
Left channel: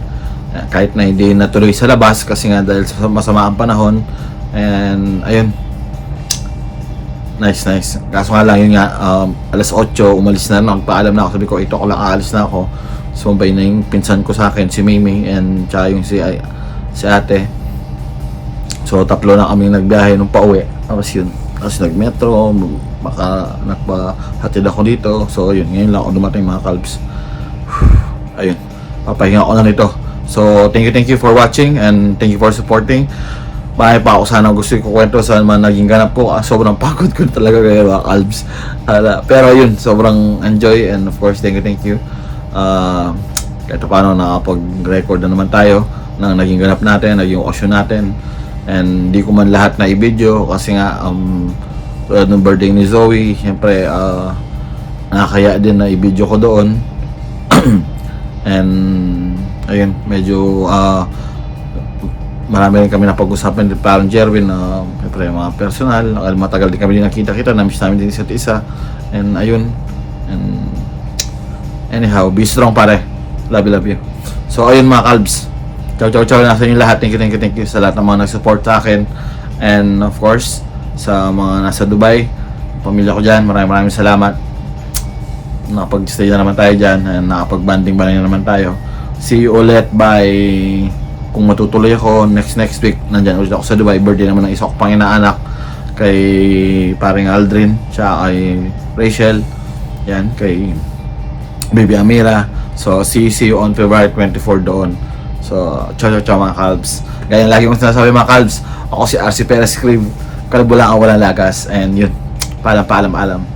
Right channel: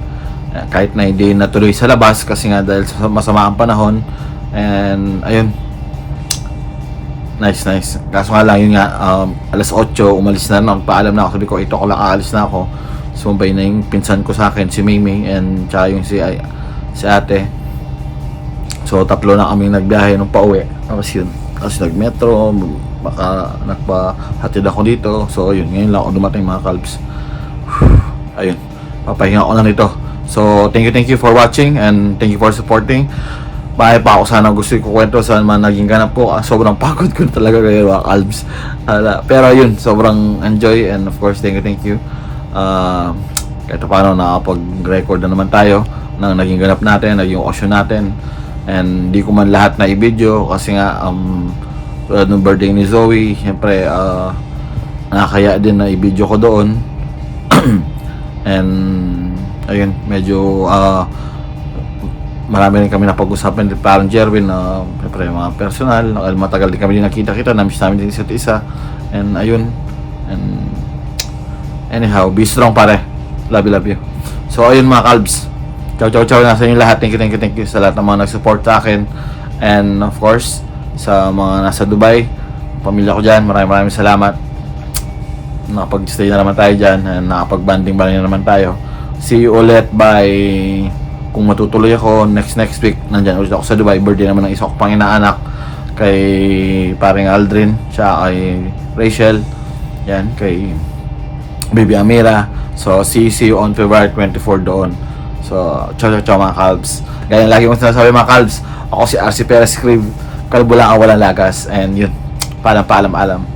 kahit na hindi natuloy sa labas kasi nga dahil sa masama ang panahon. And ayun, nice. Kaso nga lang yun nga, alas 8 umalis na naman, paalam na ako, sabi ko 8 ko lang aalis na ako. Sumbay na yung pinsan ko sa akin, si Mimi, and tsaka yung si ate. So 3 na kami nagbiyahe nung pauwi. Tapos yun, tapos nag-metro, baka nagpahatid ako dito. So yun, ngayon lang ako dumating mga kalbs. Ayun, papahinga ko na nito. So thank you for watching, and thank you for supporting. Bahay pa ako, sana gusto ko kwento saan man naging ganap ko. Sobrang pagod ko talaga kayo mga kalbs. Pero yun, sobrang enjoy, and of course thank you. kahit paano nakapag-record na naman tayo ng naging ganap natin, naging okasyon natin. And di ko man lahat na i-video kasi nga tulad ng birthday ni Zoe, syempre nakakaya din na i-video ko doon. And ayun, medyo marami rin kami napag-usapan din parang Jerwin na syempre mga personal, matagal din kami din nakita-kita, namiss namin din isa't isa. And ayun, and anyhow, be strong pare, love you. So ayun mga Kalbs, ciao na sa inyo lahat. Thank you sa lahat ng mga nag-support sa akin. And of course, sa mga nasa Dubai, pamilya ko dyan, maraming salamat. Nakapag-stay na naman tayo dyan, and nakapag-banding na naman tayo. See you ulit by, kung matutuloy ako, next week, nandyan ulit ako sa Dubai. Birthday naman ng isa ko pang inaanak, kay paring Aldrin, siya kay Rachel, yan, kay Baby Amira. So see you on February 24 doon. So ciao mga Kalbs. Gaya lagi kong sinasabi mga Kalbs, ako si RC Perez Crib, kalbo lang ang walang lagas. And yun, paalam.